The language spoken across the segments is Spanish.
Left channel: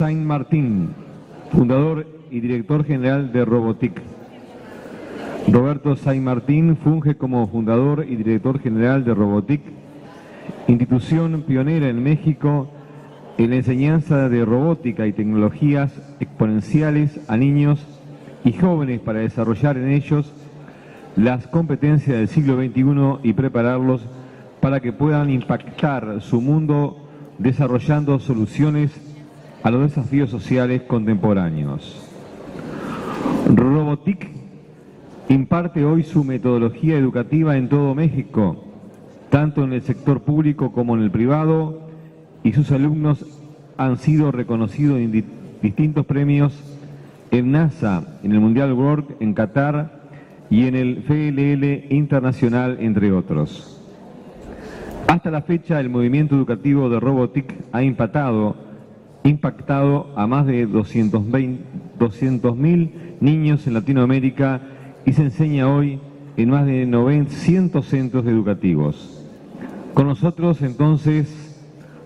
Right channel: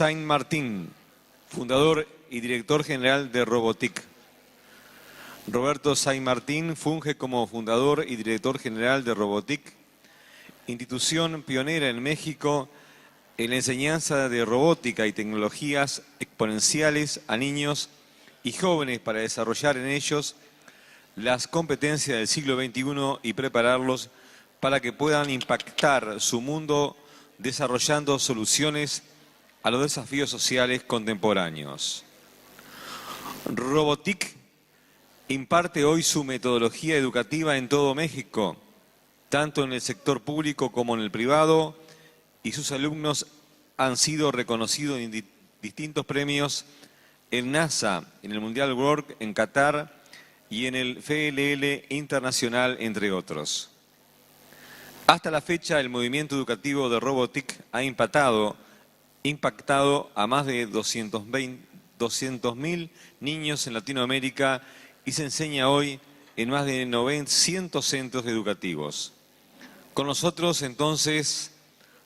Saint Martín, fundador y director general de Robotic. Roberto Saint Martín funge como fundador y director general de Robotic, institución pionera en México en la enseñanza de robótica y tecnologías exponenciales a niños y jóvenes para desarrollar en ellos las competencias del siglo XXI y prepararlos para que puedan impactar su mundo desarrollando soluciones a los desafíos sociales contemporáneos. Robotic imparte hoy su metodología educativa en todo México, tanto en el sector público como en el privado, y sus alumnos han sido reconocidos en distintos premios en NASA, en el Mundial World en Qatar y en el FLL Internacional, entre otros. Hasta la fecha, el movimiento educativo de Robotic ha impactado a más de 200.000 niños en Latinoamérica y se enseña hoy en más de 900 centros educativos. Con nosotros, entonces,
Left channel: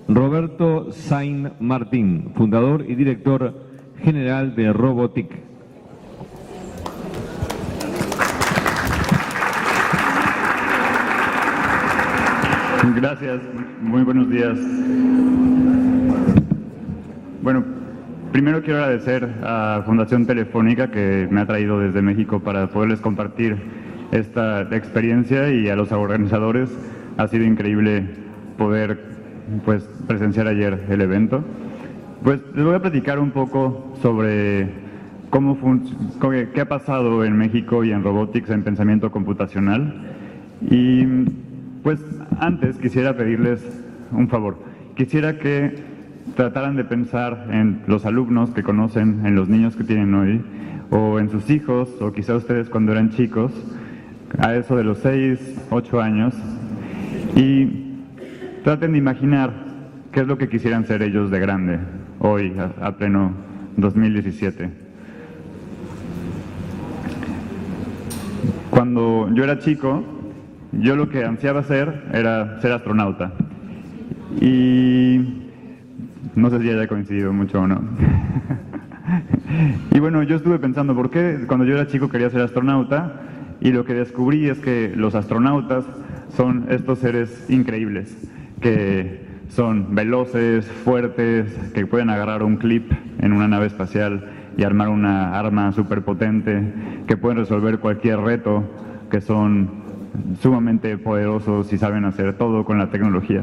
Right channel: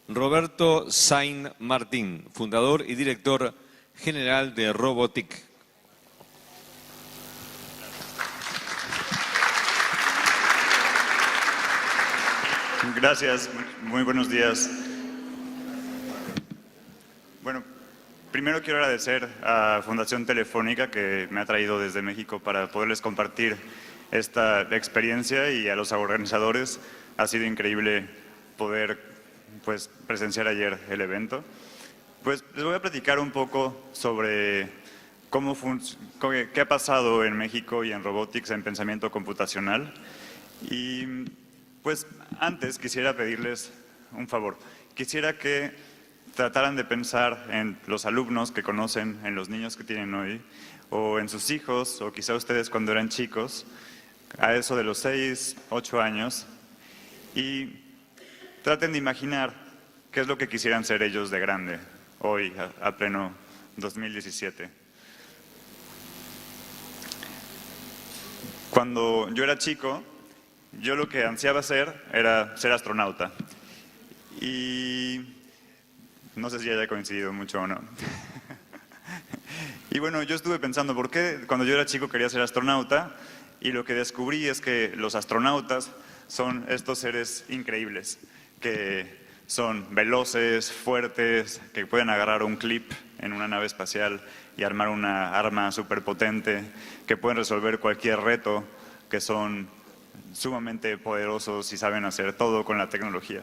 Roberto Saint Martín, fundador y director general de Robotic. Gracias, muy buenos días. Bueno, primero quiero agradecer a Fundación Telefónica que me ha traído desde México para poderles compartir esta experiencia, y a los organizadores ha sido increíble poder presenciar ayer el evento. Pues les voy a platicar un poco sobre qué ha pasado en México y en Robotics en pensamiento computacional. Y pues antes quisiera pedirles un favor. Quisiera que trataran de pensar en los alumnos que conocen, en los niños que tienen hoy, o en sus hijos, o quizá ustedes cuando eran chicos, a eso de los 6, 8 años, y traten de imaginar qué es lo que quisieran ser ellos de grande, hoy, a pleno 2017. Cuando yo era chico, yo lo que ansiaba ser era ser astronauta. Y no sé si haya coincidido mucho o no. Y bueno, yo estuve pensando por qué cuando yo era chico quería ser astronauta, y lo que descubrí es que los astronautas son estos seres increíbles, que son veloces, fuertes, que pueden agarrar un clip en una nave espacial y armar una arma superpotente, que pueden resolver cualquier reto, que son sumamente poderosos y saben hacer todo con la tecnología.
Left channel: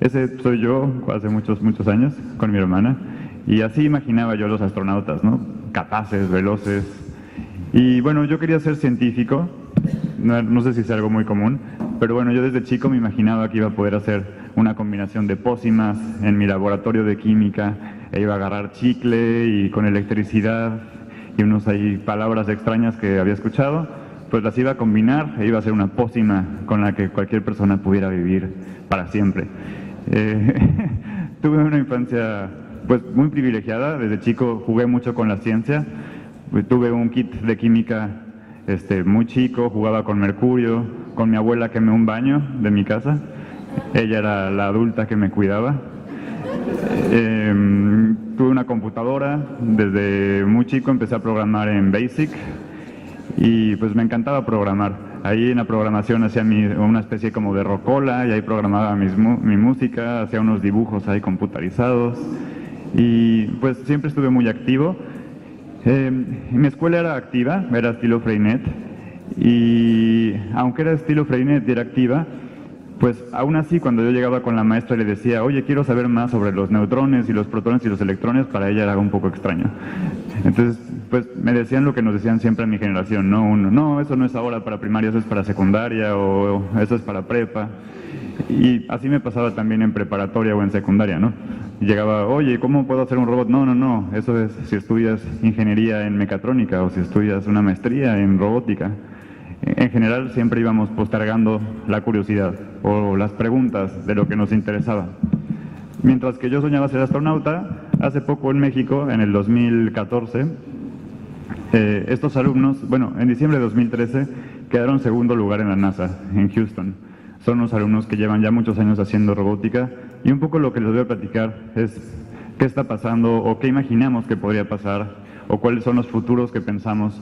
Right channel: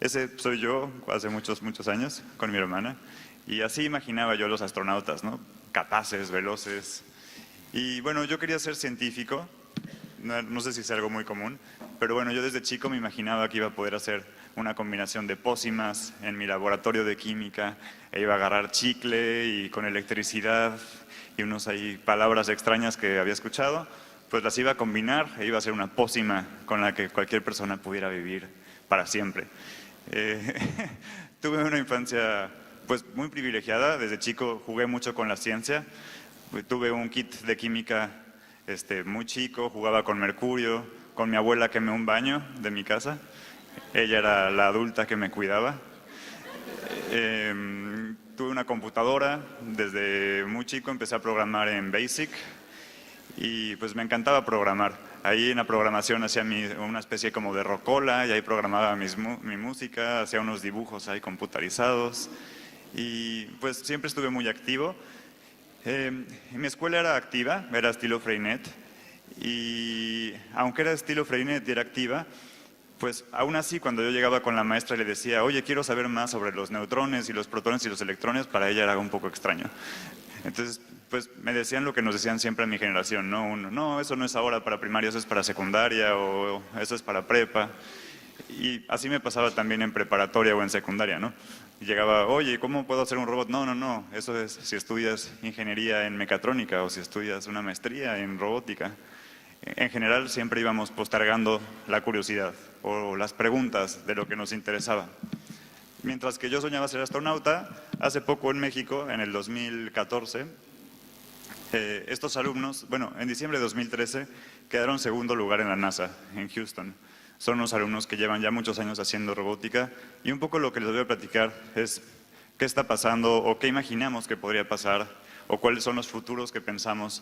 Ese soy yo hace muchos años con mi hermana, y así imaginaba yo a los astronautas, ¿no? Capaces, veloces. Y bueno, yo quería ser científico, no sé si es algo muy común, pero bueno, yo desde chico me imaginaba que iba a poder hacer una combinación de pócimas en mi laboratorio de química, e iba a agarrar chicle y con electricidad y unos ahí palabras extrañas que había escuchado, pues las iba a combinar e iba a hacer una pócima con la que cualquier persona pudiera vivir para siempre. Tuve una infancia pues muy privilegiada. Desde chico jugué mucho con la ciencia. Tuve un kit de química muy chico, jugaba con mercurio, con mi abuela quemé un baño de mi casa. Ella era la adulta que me cuidaba. Tuve una computadora, desde muy chico empecé a programar en BASIC, y pues me encantaba programar. Ahí en la programación hacía una especie como de rocola, y ahí programaba mi música, hacía unos dibujos ahí computarizados, y pues siempre estuve muy activo. Mi escuela era activa, era estilo Freinet, y aunque era estilo Freinet y era activa, pues aún así cuando yo llegaba con la maestra y le decía, oye, quiero saber más sobre los neutrones y los protones y los electrones, para ella era un poco extraño. Entonces, pues me decían lo que nos decían siempre a mi generación, ¿no? No, eso no es ahora para primaria, eso es para secundaria, o eso es para prepa. Y así me pasaba también en preparatoria o en secundaria, ¿no? Llegaba, oye, ¿cómo puedo hacer un robot? No, eso es si estudias ingeniería en mecatrónica o si estudias una maestría en robótica. En general siempre íbamos postergando la curiosidad o las preguntas de lo que nos interesaba. Mientras que yo soñaba ser astronauta, hace poco en México, en el 2014, estos alumnos, bueno, en diciembre de 2013, quedaron segundo lugar en la NASA, en Houston. Son unos alumnos que llevan ya muchos años haciendo robótica, y un poco lo que les voy a platicar es qué está pasando o qué imaginamos que podría pasar o cuáles son los futuros que pensamos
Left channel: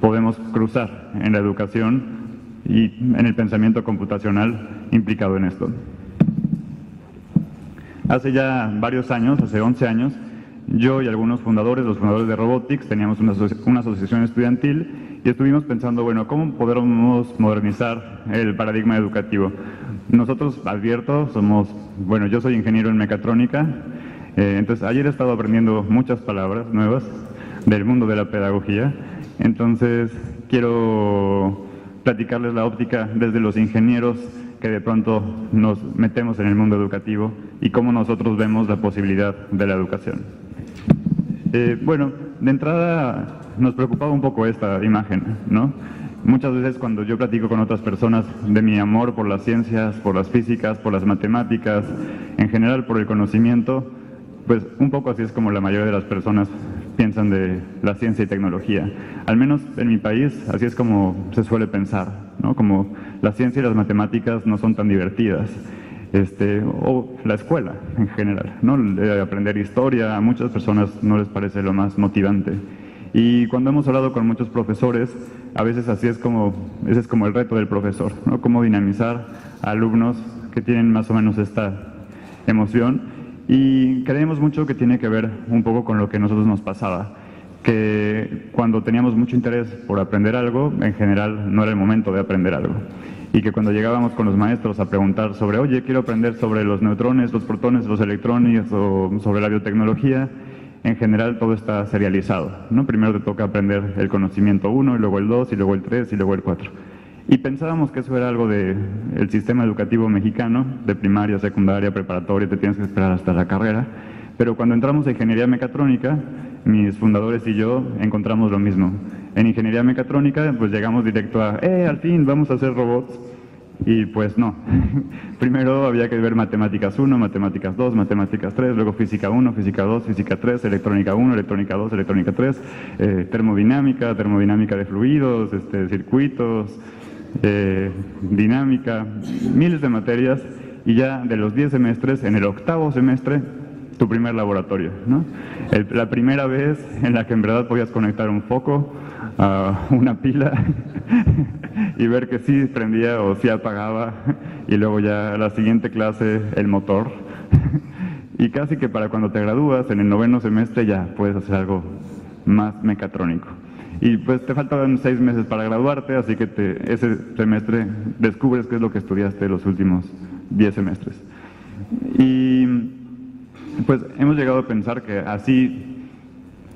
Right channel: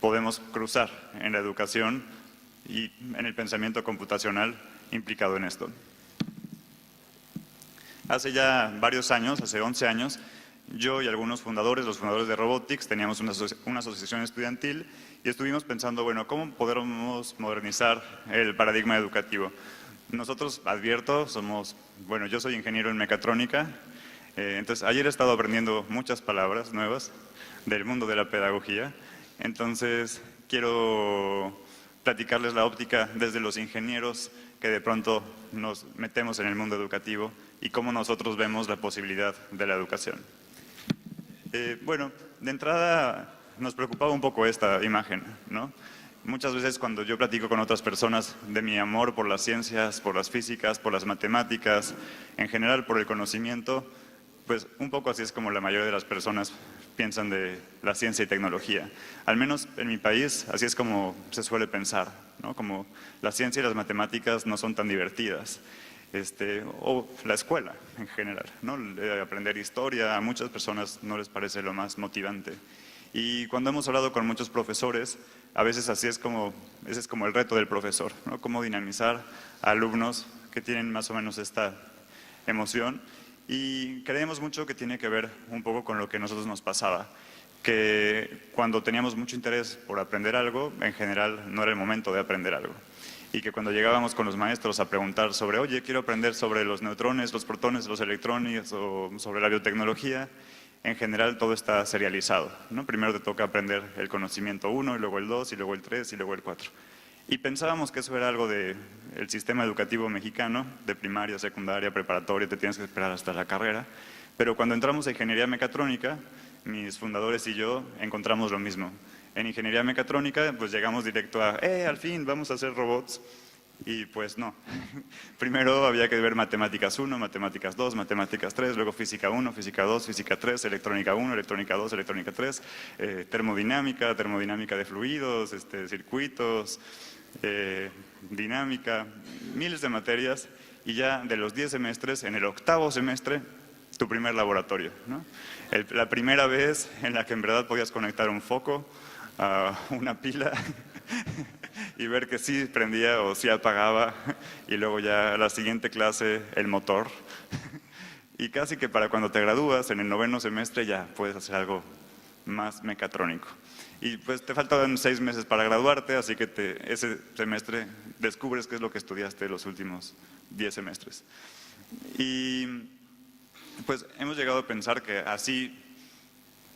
podemos cruzar en la educación y en el pensamiento computacional implicado en esto. Hace ya varios años, hace 11 años, yo y algunos fundadores, los fundadores de Robotics, teníamos una asociación estudiantil y estuvimos pensando, bueno, ¿cómo podemos modernizar el paradigma educativo? Nosotros, advierto, yo soy ingeniero en mecatrónica, entonces ayer he estado aprendiendo muchas palabras nuevas del mundo de la pedagogía, entonces quiero platicarles la óptica desde los ingenieros que de pronto nos metemos en el mundo educativo y cómo nosotros vemos la posibilidad de la educación. Bueno, de entrada nos preocupaba un poco esta imagen, ¿no? Muchas veces cuando yo platico con otras personas de mi amor por las ciencias, por las físicas, por las matemáticas, en general por el conocimiento, pues un poco así es como la mayoría de las personas piensan de la ciencia y tecnología. Al menos en mi país, así es como se suele pensar, ¿no? Como la ciencia y las matemáticas no son tan divertidas. O la escuela en general, ¿no? Aprender historia a muchas personas no les parece lo más motivante. Y cuando hemos hablado con muchos profesores, a veces ese es como el reto del profesor, ¿no? Cómo dinamizar a alumnos que tienen más o menos esta emoción. Y creemos mucho que tiene que ver un poco con lo que a nosotros nos pasaba, que cuando teníamos mucho interés por aprender algo, en general no era el momento de aprender algo. Y que cuando llegábamos con los maestros a preguntar sobre, oye, quiero aprender sobre los neutrones, los protones, los electrones o sobre la biotecnología, en general todo está serializado, ¿no? Primero te toca aprender el conocimiento 1, y luego el 2, y luego el 3, y luego el 4. Y pensábamos que eso era algo del sistema educativo mexicano, de primaria, secundaria, preparatoria, te tienes que esperar hasta la carrera. Pero cuando entramos a ingeniería mecatrónica, mis fundadores y yo encontramos lo mismo. En ingeniería mecatrónica, pues llegamos directo a, al fin, vamos a hacer robots. Y pues no. Primero había que ver matemáticas 1, matemáticas 2, matemáticas 3, luego física 1, física 2, física 3, electrónica 1, electrónica 2, electrónica 3, termodinámica, termodinámica de fluidos, circuitos, dinámica, miles de materias. Y ya de los 10 semestres, en el 8º semestre, tu primer laboratorio, ¿no? La primera vez en la que en verdad podías conectar un foco a una pila y ver que sí prendía o sí apagaba, y luego ya la siguiente clase el motor. Y casi que para cuando te gradúas en el 9º semestre ya puedes hacer algo más mecatrónico. Y pues te faltan 6 meses para graduarte, así que ese semestre descubres qué es lo que estudiaste los últimos 10 semestres. Y pues hemos llegado a pensar que así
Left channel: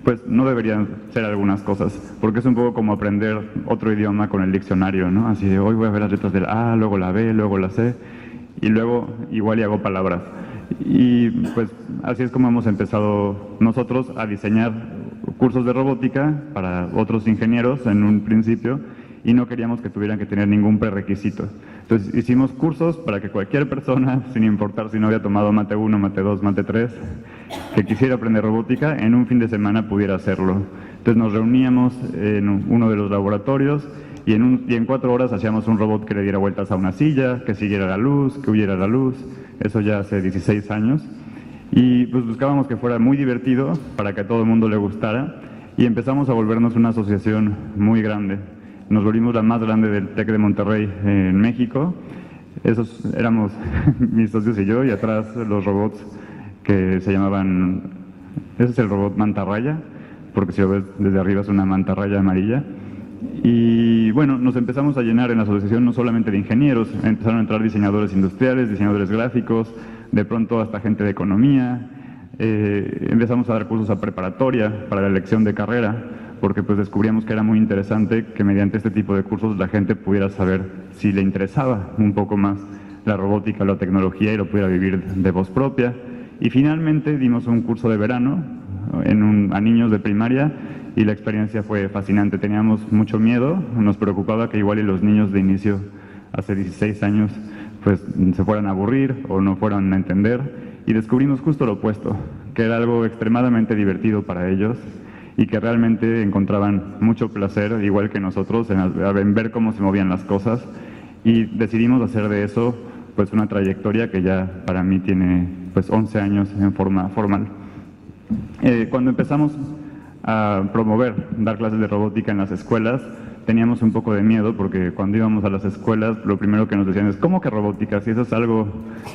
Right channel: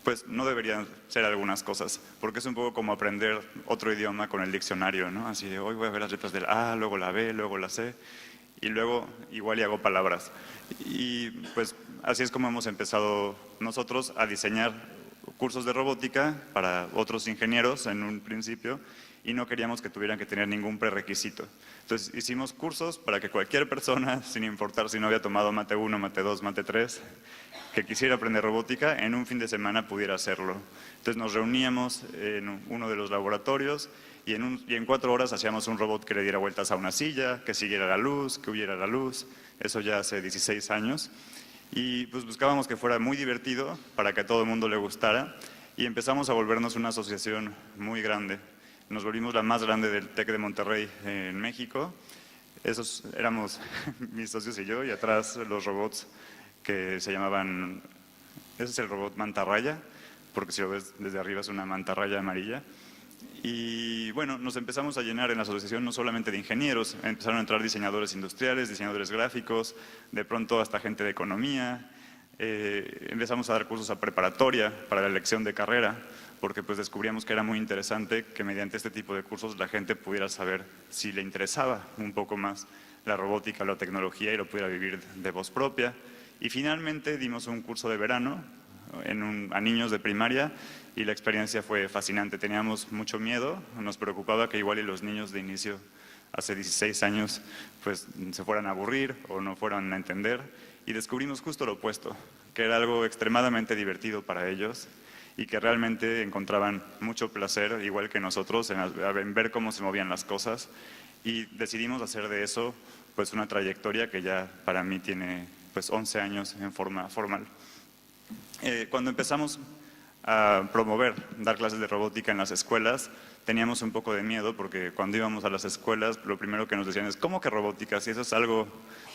pues no deberían ser algunas cosas, porque es un poco como aprender otro idioma con el diccionario, ¿no? Así de hoy voy a ver las letras del A, luego la B, luego la C, y luego igual y hago palabras. Y pues así es como hemos empezado nosotros a diseñar cursos de robótica para otros ingenieros en un principio, y no queríamos que tuvieran que tener ningún prerequisito. Entonces hicimos cursos para que cualquier persona, sin importar si no había tomado Mate 1, Mate 2, Mate 3, que quisiera aprender robótica, en un fin de semana pudiera hacerlo. Entonces nos reuníamos en uno de los laboratorios y en 4 horas hacíamos un robot que le diera vueltas a una silla, que siguiera la luz, que huyera la luz. Eso ya hace 16 años. Y pues buscábamos que fuera muy divertido para que a todo el mundo le gustara, y empezamos a volvernos una asociación muy grande. Nos volvimos la más grande del TEC de Monterrey en México. Esos éramos mis socios y yo, y atrás los robots que se llamaban, ese es el robot mantarraya, porque si lo ves desde arriba es una mantarraya amarilla. Y bueno, nos empezamos a llenar en la asociación no solamente de ingenieros, empezaron a entrar diseñadores industriales, diseñadores gráficos, de pronto hasta gente de economía. Empezamos a dar cursos a preparatoria para la elección de carrera, porque pues descubríamos que era muy interesante que mediante este tipo de cursos la gente pudiera saber si le interesaba un poco más la robótica, la tecnología, y lo pudiera vivir de voz propia. Y finalmente dimos un curso de verano a niños de primaria, y la experiencia fue fascinante. Teníamos mucho miedo, nos preocupaba que igual y los niños de inicio, hace 16 años, pues se fueran a aburrir o no fueran a entender, y descubrimos justo lo opuesto, que era algo extremadamente divertido para ellos y que realmente encontraban mucho placer, igual que nosotros, en ver cómo se movían las cosas, y decidimos hacer de eso pues una trayectoria que ya para mí tiene pues 11 años en forma formal. Cuando empezamos a promover dar clases de robótica en las escuelas, teníamos un poco de miedo porque cuando íbamos a las escuelas lo primero que nos decían es ¿cómo que robótica? Si eso es algo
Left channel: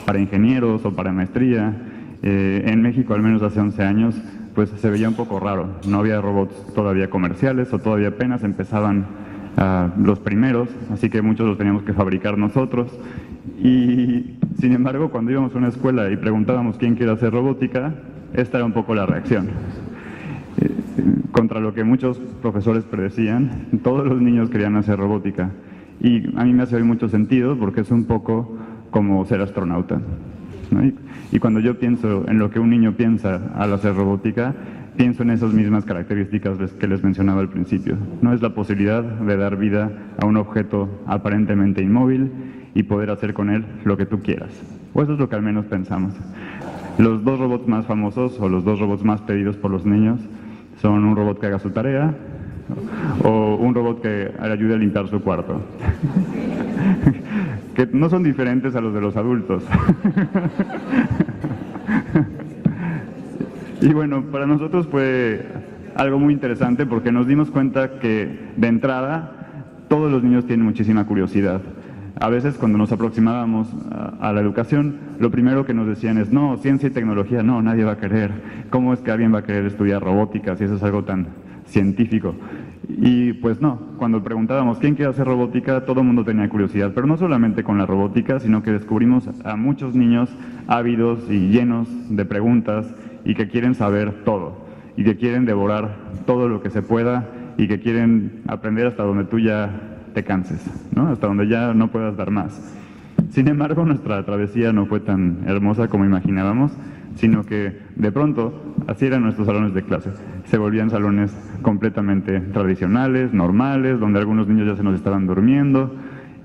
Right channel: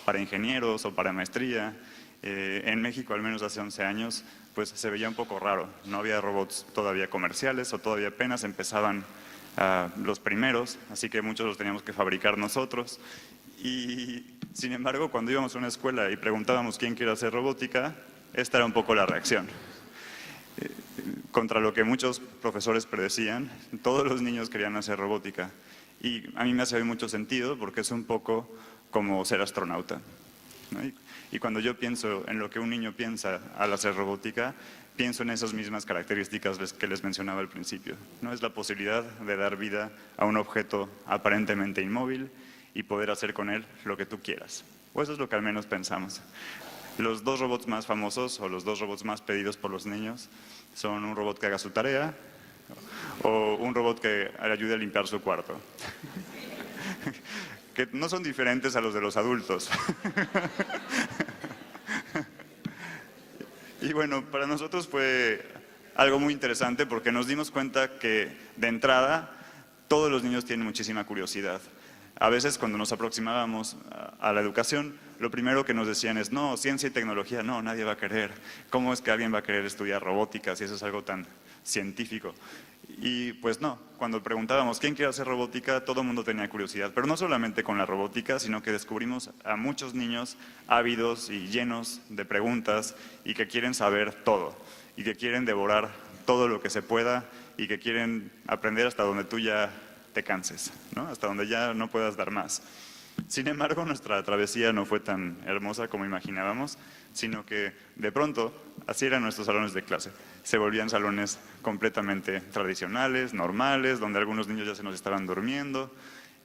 para ingenieros o para maestría. En México, al menos hace 11 años, pues se veía un poco raro. No había robots todavía comerciales o todavía apenas empezaban los primeros, así que muchos los teníamos que fabricar nosotros. Y sin embargo, cuando íbamos a una escuela y preguntábamos quién quiere hacer robótica, esta era un poco la reacción. Contra lo que muchos profesores predecían, todos los niños querían hacer robótica. Y a mí me hace mucho sentido porque es un poco como ser astronauta, ¿no? Y cuando yo pienso en lo que un niño piensa al hacer robótica, pienso en esas mismas características que les mencionaba al principio. No es la posibilidad de dar vida a un objeto aparentemente inmóvil y poder hacer con él lo que tú quieras. O eso es lo que al menos pensamos. Los dos robots más famosos o los dos robots más pedidos por los niños son un robot que haga su tarea o un robot que le ayude a limpiar su cuarto. Que no son diferentes a los de los adultos. Y bueno, para nosotros fue algo muy interesante porque nos dimos cuenta que de entrada todos los niños tienen muchísima curiosidad. A veces cuando nos aproximábamos a la educación, lo primero que nos decían es no, ciencia y tecnología, no, nadie va a querer. ¿Cómo es que alguien va a querer estudiar robótica si eso es algo tan científico? Y pues no, cuando preguntábamos quién quiere hacer robótica, todo el mundo tenía curiosidad, pero no solamente con la robótica, sino que descubrimos a muchos niños ávidos y llenos de preguntas y que quieren saber todo y que quieren devorar todo lo que se pueda y que quieren aprender hasta donde tú ya te canses, ¿no? Hasta donde ya no puedas dar más. Sin embargo, nuestra travesía no fue tan hermosa como imaginábamos, sino que de pronto, así eran nuestros salones de clase. Se volvían salones completamente tradicionales, normales, donde algunos niños ya se nos estaban durmiendo,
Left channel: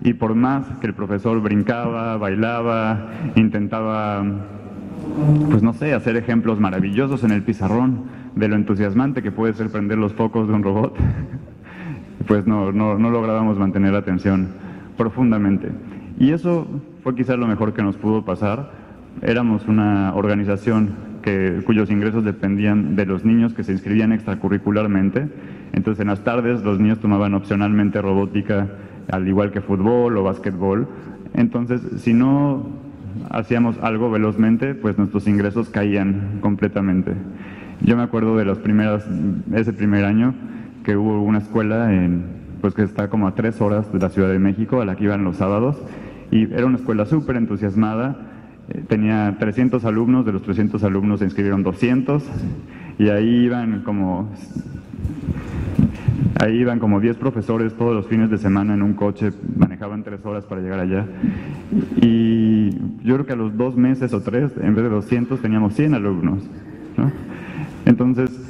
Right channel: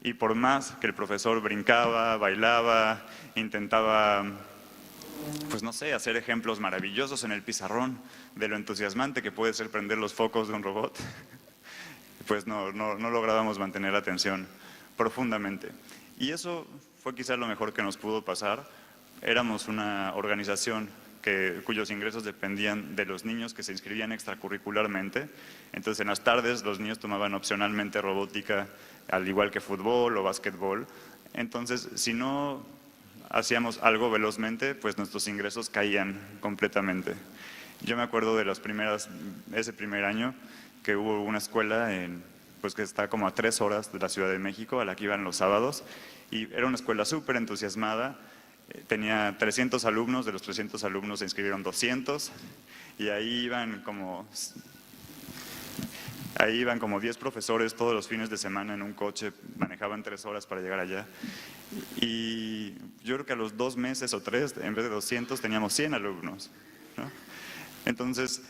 y por más que el profesor brincaba, bailaba, intentaba, pues no sé, hacer ejemplos maravillosos en el pizarrón de lo entusiasmante que puede ser prender los focos de un robot, pues no lográbamos mantener la atención profundamente. Y eso fue quizás lo mejor que nos pudo pasar. Éramos una organización cuyos ingresos dependían de los niños que se inscribían extracurricularmente. Entonces en las tardes los niños tomaban opcionalmente robótica, al igual que fútbol o básquetbol. Entonces si no hacíamos algo velozmente, pues nuestros ingresos caían completamente. Yo me acuerdo de ese primer año que hubo una escuela pues que está como a 3 horas de la Ciudad de México, a la que iban los sábados, y era una escuela súper entusiasmada, tenía 300 alumnos, de los 300 alumnos se inscribieron 200, y ahí iban como 10 profesores todos los fines de semana en un coche, manejaban 3 horas para llegar allá, y yo creo que a los 2 meses o 3, en vez de 200, teníamos 100 alumnos, ¿no? Entonces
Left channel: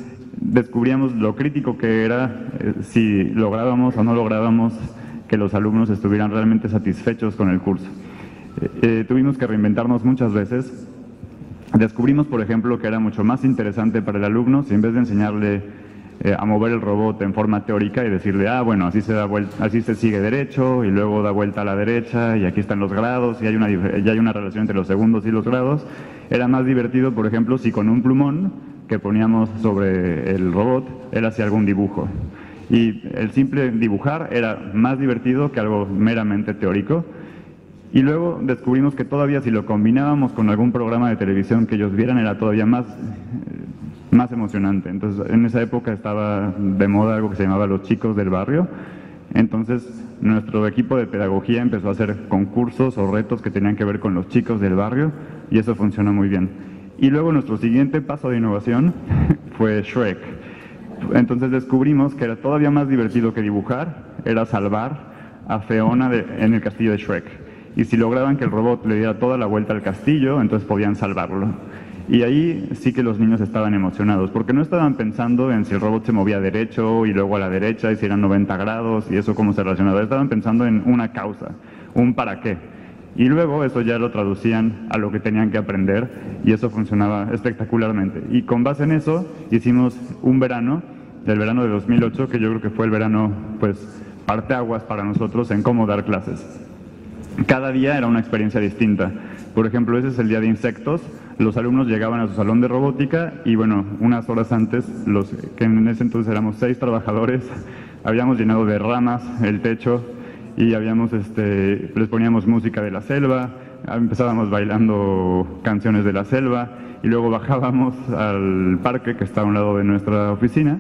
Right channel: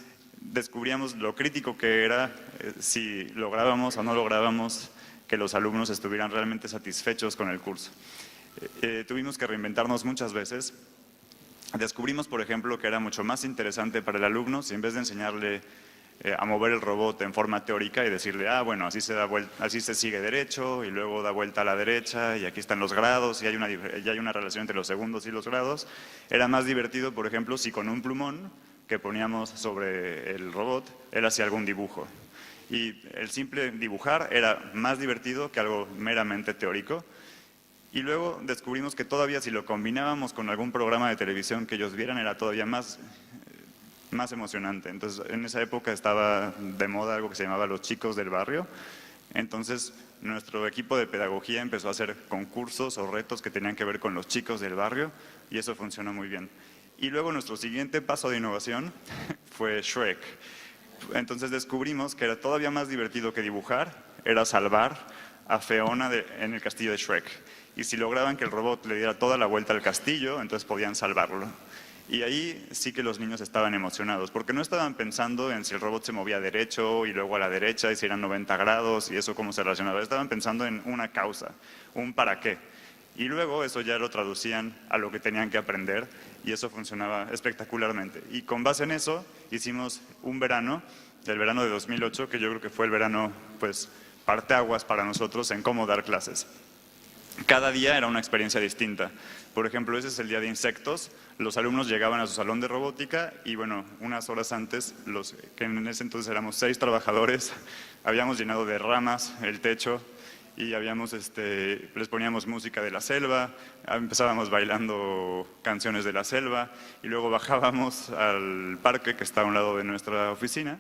descubríamos lo crítico que era si lográbamos o no lográbamos que los alumnos estuvieran realmente satisfechos con el curso. Tuvimos que reinventarnos muchas veces. Descubrimos, por ejemplo, que era mucho más interesante para el alumno si en vez de enseñarle a mover el robot en forma teórica y decirle, bueno, así se sigue derecho y luego da vuelta a la derecha y aquí están los grados y hay una relación entre los segundos y los grados, era más divertido, por ejemplo, si con un plumón que poníamos sobre el robot, él hacía algún dibujo. Y el simple dibujar era más divertido que algo meramente teórico. Y luego descubrimos que todavía si lo combinábamos con algún programa de televisión que ellos vieran, era todavía más emocionante. Entonces, en esa época estaba de moda algo que se llamaba Los Chicos del Barrio. Entonces, nuestro equipo de pedagogía empezó a hacer concursos o retos que tenían que ver con los chicos del barrio, y eso funcionó muy bien. Y luego nuestro siguiente paso de innovación fue Shrek. Entonces descubrimos que era todavía más divertido que dibujar, era salvar a Fiona en el castillo de Shrek. Y si lograban que el robot le diera toda la vuelta al castillo, entonces podían salvarlo. Y ahí sí que los niños estaban emocionados, porque no estaban pensando en si el robot se movía derecho y luego a la derecha y si eran 90 grados y eso cómo se relacionaba. Estaban pensando en una causa, un para qué. Y luego eso ya lo traducían a lo que tenían que aprender y eso funcionaba espectacularmente. Y con base en eso hicimos un verano, el verano de 2008, que yo creo que fue el verano, pues, parteaguas para nosotros en cómo dar clases. Cada día era una experiencia distinta. Por ejemplo, ese es el día de insectos. Los alumnos llegaban a su salón de robótica y, bueno, unas horas antes, que en ese entonces éramos 6 trabajadores, habíamos llenado de ramas el techo y les poníamos música de la selva, empezábamos bailando canciones de la selva y luego bajábamos al parque que está a un lado de nuestra oficina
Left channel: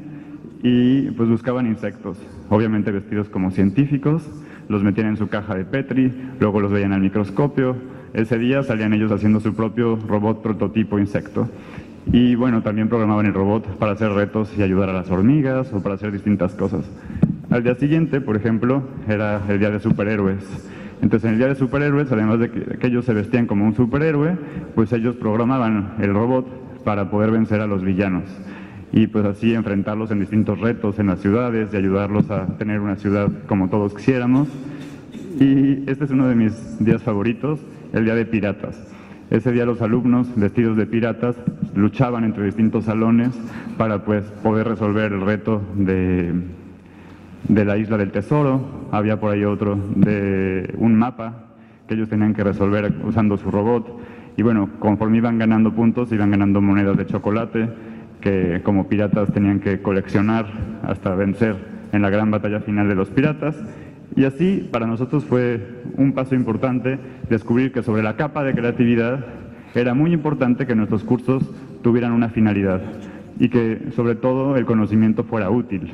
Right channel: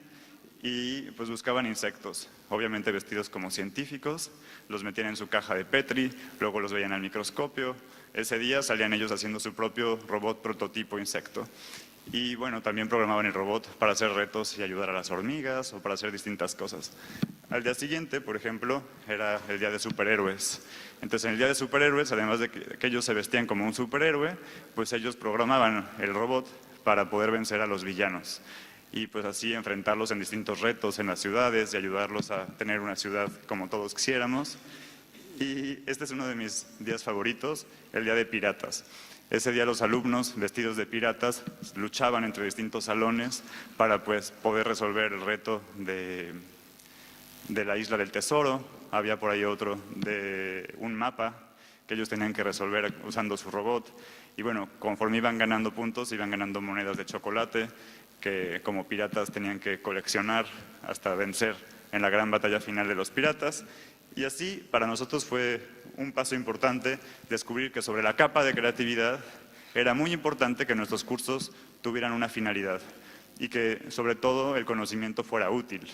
y pues buscaban insectos, obviamente vestidos como científicos, los metían en su caja de Petri, luego los veían al microscopio. Ese día salían ellos haciendo su propio robot prototipo insecto. Y bueno, también programaban el robot para hacer retos y ayudar a las hormigas o para hacer distintas cosas. Al día siguiente, por ejemplo, era el día de superhéroes. Entonces, en el día de superhéroes, además de que ellos se vestían como un superhéroe, pues ellos programaban el robot para poder vencer a los villanos. Y pues así enfrentarlos en distintos retos en las ciudades y ayudarlos a tener una ciudad como todos quisiéramos. Y este es uno de mis días favoritos, el día de piratas. Ese día los alumnos vestidos de piratas luchaban entre distintos salones para pues poder resolver el reto de la Isla del Tesoro. Había por ahí otro de un mapa que ellos tenían que resolver usando su robot. Y bueno, conforme iban ganando puntos, iban ganando monedas de chocolate que como piratas tenían que coleccionar hasta vencer en la gran batalla final de los piratas. Y así, para nosotros fue un paso importante descubrir que sobre la capa de creatividad era muy importante que nuestros cursos tuvieran una finalidad y que, sobre todo, el conocimiento fuera útil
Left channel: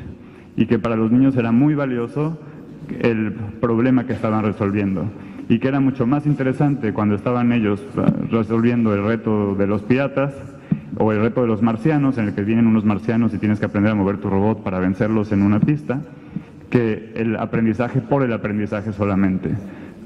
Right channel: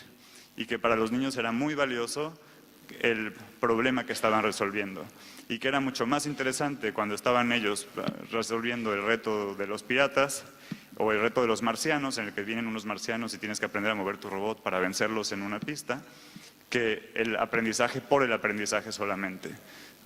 y que para los niños era muy valioso el problema que estaban resolviendo y que era mucho más interesante cuando estaban ellos resolviendo el reto de los piratas o el reto de los marcianos, en el que vienen unos marcianos y tienes que aprender a mover tu robot para vencerlos en una pista, que el aprendizaje por el aprendizaje solamente.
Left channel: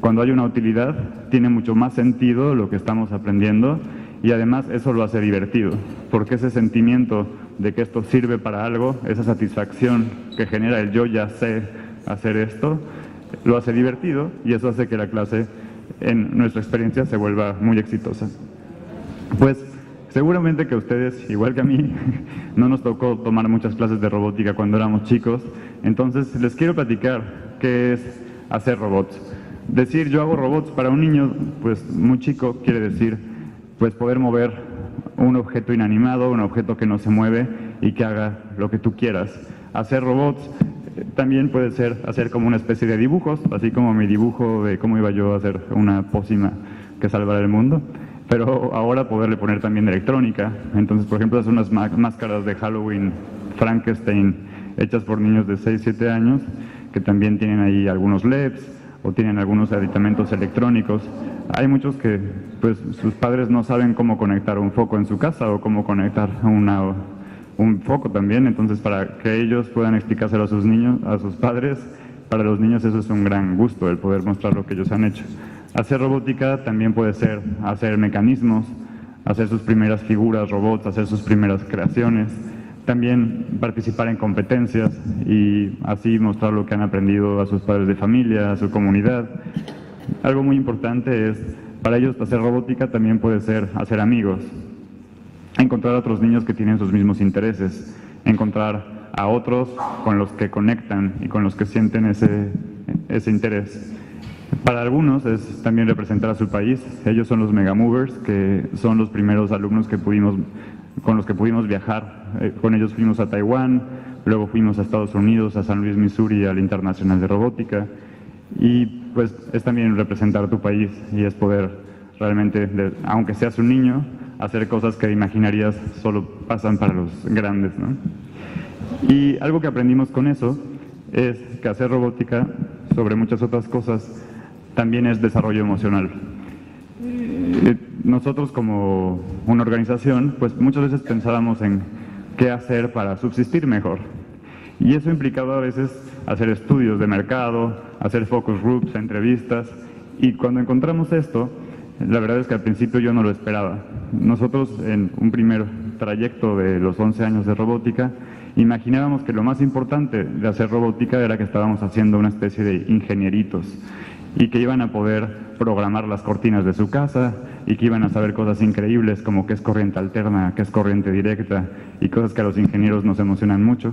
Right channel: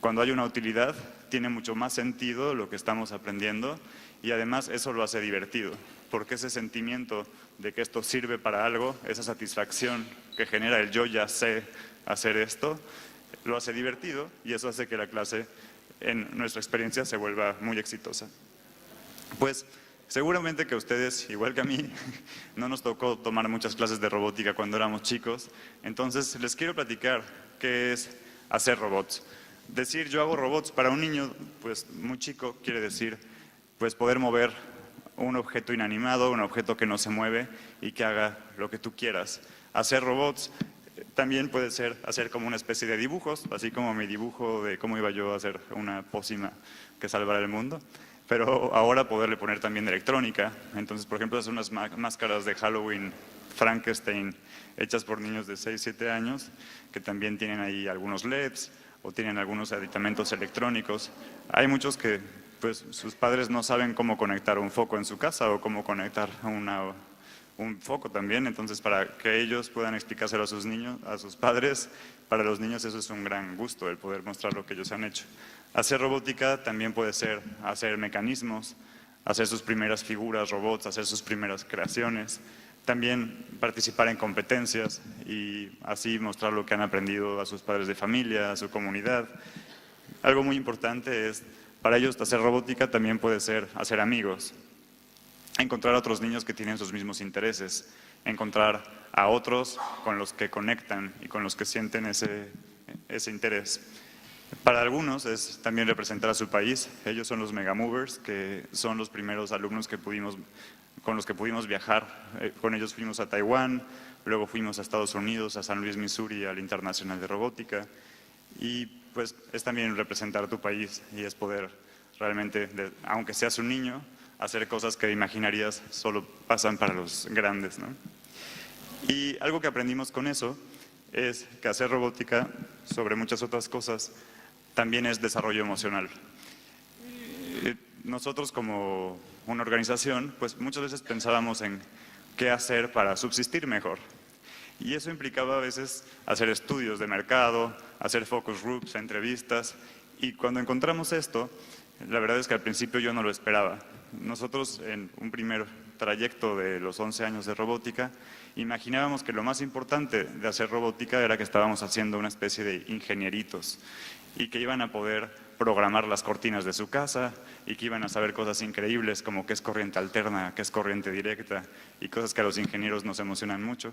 Cuando hay una utilidad, tiene mucho más sentido lo que estamos aprendiendo y además eso lo hace divertido, porque ese sentimiento de que esto sirve para algo, esa satisfacción que genera el yo ya sé hacer esto, lo hace divertido y eso hace que la clase en nuestra experiencia se vuelva muy exitosa. Pues seguramente que a ustedes, igual que a mí, no nos tocó tomar muchas clases de robótica cuando éramos chicos, entonces les quiero platicar qué es hacer robots. Decir yo hago robots para un niño pues muy chico quiere decir pues poder mover un objeto inanimado, un objeto que no se mueve y que haga lo que tú quieras. Hacer robots también puede ser hacer como una especie de dibujos, así como mi dibujo de cómo iba yo a hacer una pócima que salvara el mundo. Pero ahora poderle poner también electrónica. Entonces, por ejemplo, hacer unas máscaras de Halloween Frankenstein hechas por niños de 6, 7 años, que también tienen ahí algunos LEDs o tienen algunos aditamentos electrónicos. Hay muchos que pues, sus padres no saben cómo conectar un foco en su casa o cómo conectar un foco también. Entonces, para que ellos puedan explicárselo a sus niños, a sus padres, para los niños eso es un gran gusto, el poder mostrar lo que ellos han hecho. Hacer robótica también puede ser hacer mecanismos, hacer sus primeras figuras, robots, hacer sus primeras creaciones, también participar en competencias y así mostrar lo que han aprendido a sus padres de familia, a su comunidad. Algo muy importante es, para ellos hacer robótica también puede ser hacer amigos, encontrar a otros niños que tienen sus mismos intereses, encontrar a otros con los que conectan y con los que sienten ese interés. Para algunos es también representar a su país. Ellos son los Megamovers, que son los primeros alumnos con los que pudimos viajar. Con ellos fuimos a Taiwán, luego fuimos a Estados Unidos, a San Luis, Missouri, al Internacional de Robótica. Y pues es también representar a tu país y es poder realmente, aunque seas un niño, hacer cosas que imaginarías solo pasan para los grandes, ¿no? Y algo que aprendimos con eso es que hacer robótica, sobre muchas otras cosas, también es desarrollo emocional. Nosotros como una organización, pues muchas veces pensábamos en qué hacer para subsistir mejor. Y eso implicaba a veces hacer estudios de mercado, hacer focus groups, entrevistas. Y cuando encontramos esto, la verdad es que al principio yo no lo esperaba. Nosotros en un primer trayecto de los 11 años de robótica, imaginábamos que lo más importante de hacer robótica era que estábamos haciendo una especie de ingenieritos y que iban a poder programar las cortinas de su casa y que iban a saber cosas increíbles como qué es corriente alterna, qué es corriente directa y cosas que a los ingenieros nos emocionan mucho.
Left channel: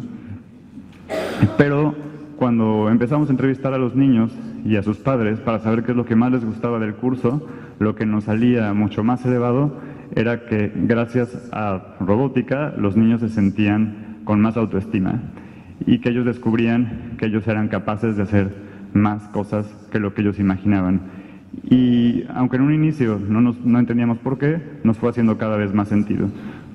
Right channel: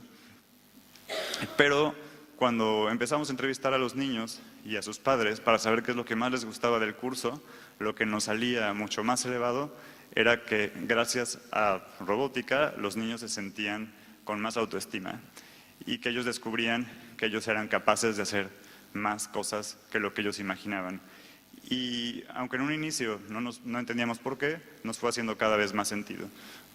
Pero cuando empezamos a entrevistar a los niños y a sus padres para saber qué es lo que más les gustaba del curso, lo que nos salía mucho más elevado era que gracias a robótica los niños se sentían con más autoestima y que ellos descubrían que ellos eran capaces de hacer más cosas que lo que ellos imaginaban. Y aunque en un inicio no entendíamos por qué, nos fue haciendo cada vez más sentido.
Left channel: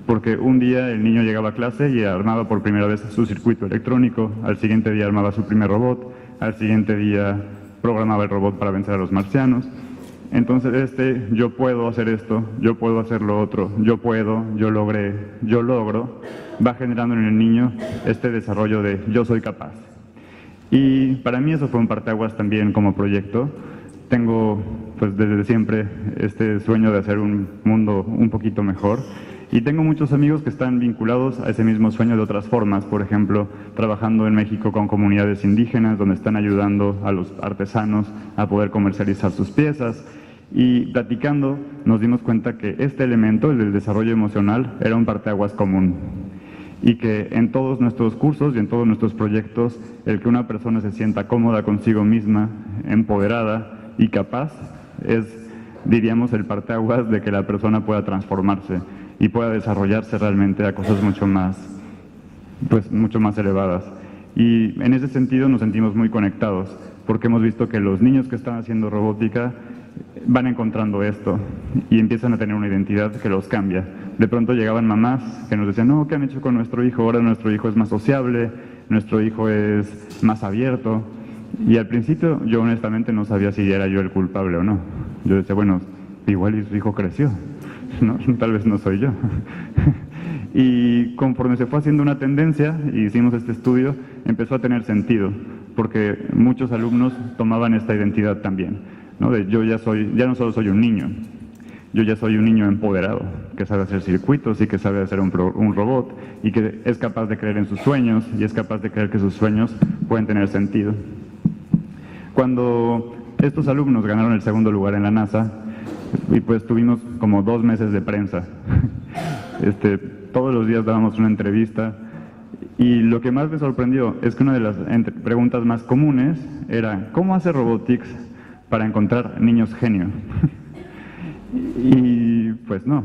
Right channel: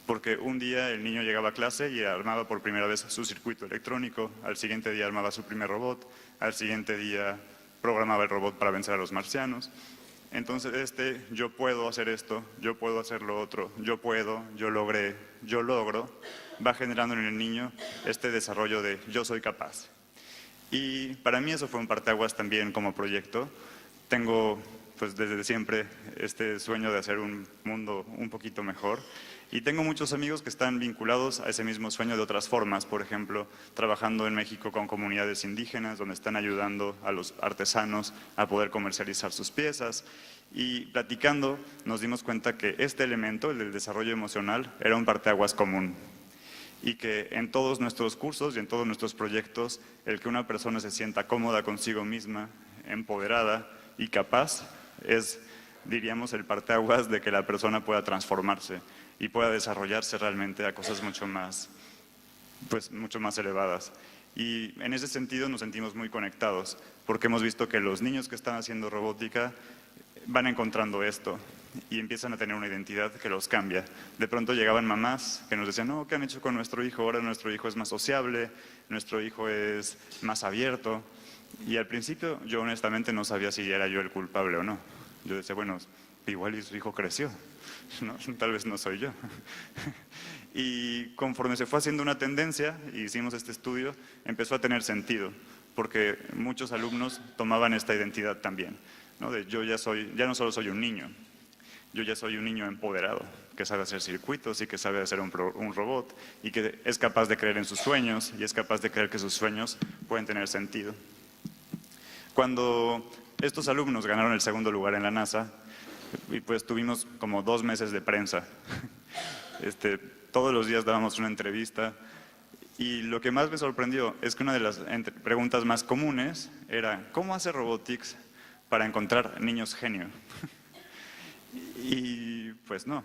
Porque un día el niño llegaba a clase y armaba por primera vez su circuito electrónico, al siguiente día armaba su primer robot, al siguiente día programaba el robot para vencer a los marcianos. Entonces yo puedo hacer esto, yo puedo hacer lo otro, yo puedo, yo logré, yo logro, va generando en el niño este desarrollo de yo soy capaz. Y para mí eso fue un parteaguas también como proyecto. Tengo pues desde siempre este sueño de hacer un mundo un poquito mejor. Y tengo muchos amigos que están vinculados a ese mismo sueño de otras formas, por ejemplo, trabajando en México con comunidades indígenas, donde están ayudando a los artesanos a poder comercializar sus piezas. Y platicando nos dimos cuenta que este elemento, el del desarrollo emocional, era un parteaguas común. Y que en todos nuestros cursos y en todos nuestros proyectos, el que una persona se sienta cómoda consigo misma, empoderada y capaz, es, diríamos, el parteaguas de que la persona pueda transformarse y pueda desarrollarse realmente a cosas mucho más elevadas. Y en ese sentido nos sentimos muy conectados, porque hemos visto que los niños que están haciendo robótica van encontrando esto y empiezan a tener una identidad que los cambia. De pronto llegaban mamás que nos decían, no, ¿qué han hecho con nuestro hijo? Ahora nuestro hijo es más sociable, nuestro hijo es más abierto. Y al principio yo honestamente no sabía si era yo el culpable o no. Yo decía, bueno, igual su hijo creció, ¿no? Tal vez no soy yo. Y conforme se fue haciendo una tendencia, y hicimos este estudio, empezó a tener sentido, porque muchos alumnos tomaban esta identidad también, ¿no? De yo ya no solo soy un niño, yo ya soy un niño empoderado, que sabe hacer circuitos y que sabe hacer un robot, y que es capaz de creer en sus sueños, y es capaz de creer que sus sueños pueden tener sentido. Cuando estos alumnos ganaron el segundo lugar en la NASA, y pues tuvimos como 2 meses de prensa. Todos los días dábamos una entrevista y lo que más me sorprendió es que una de las preguntas más comunes era ¿cómo hace Robotics para encontrar niños genio? Y pues no,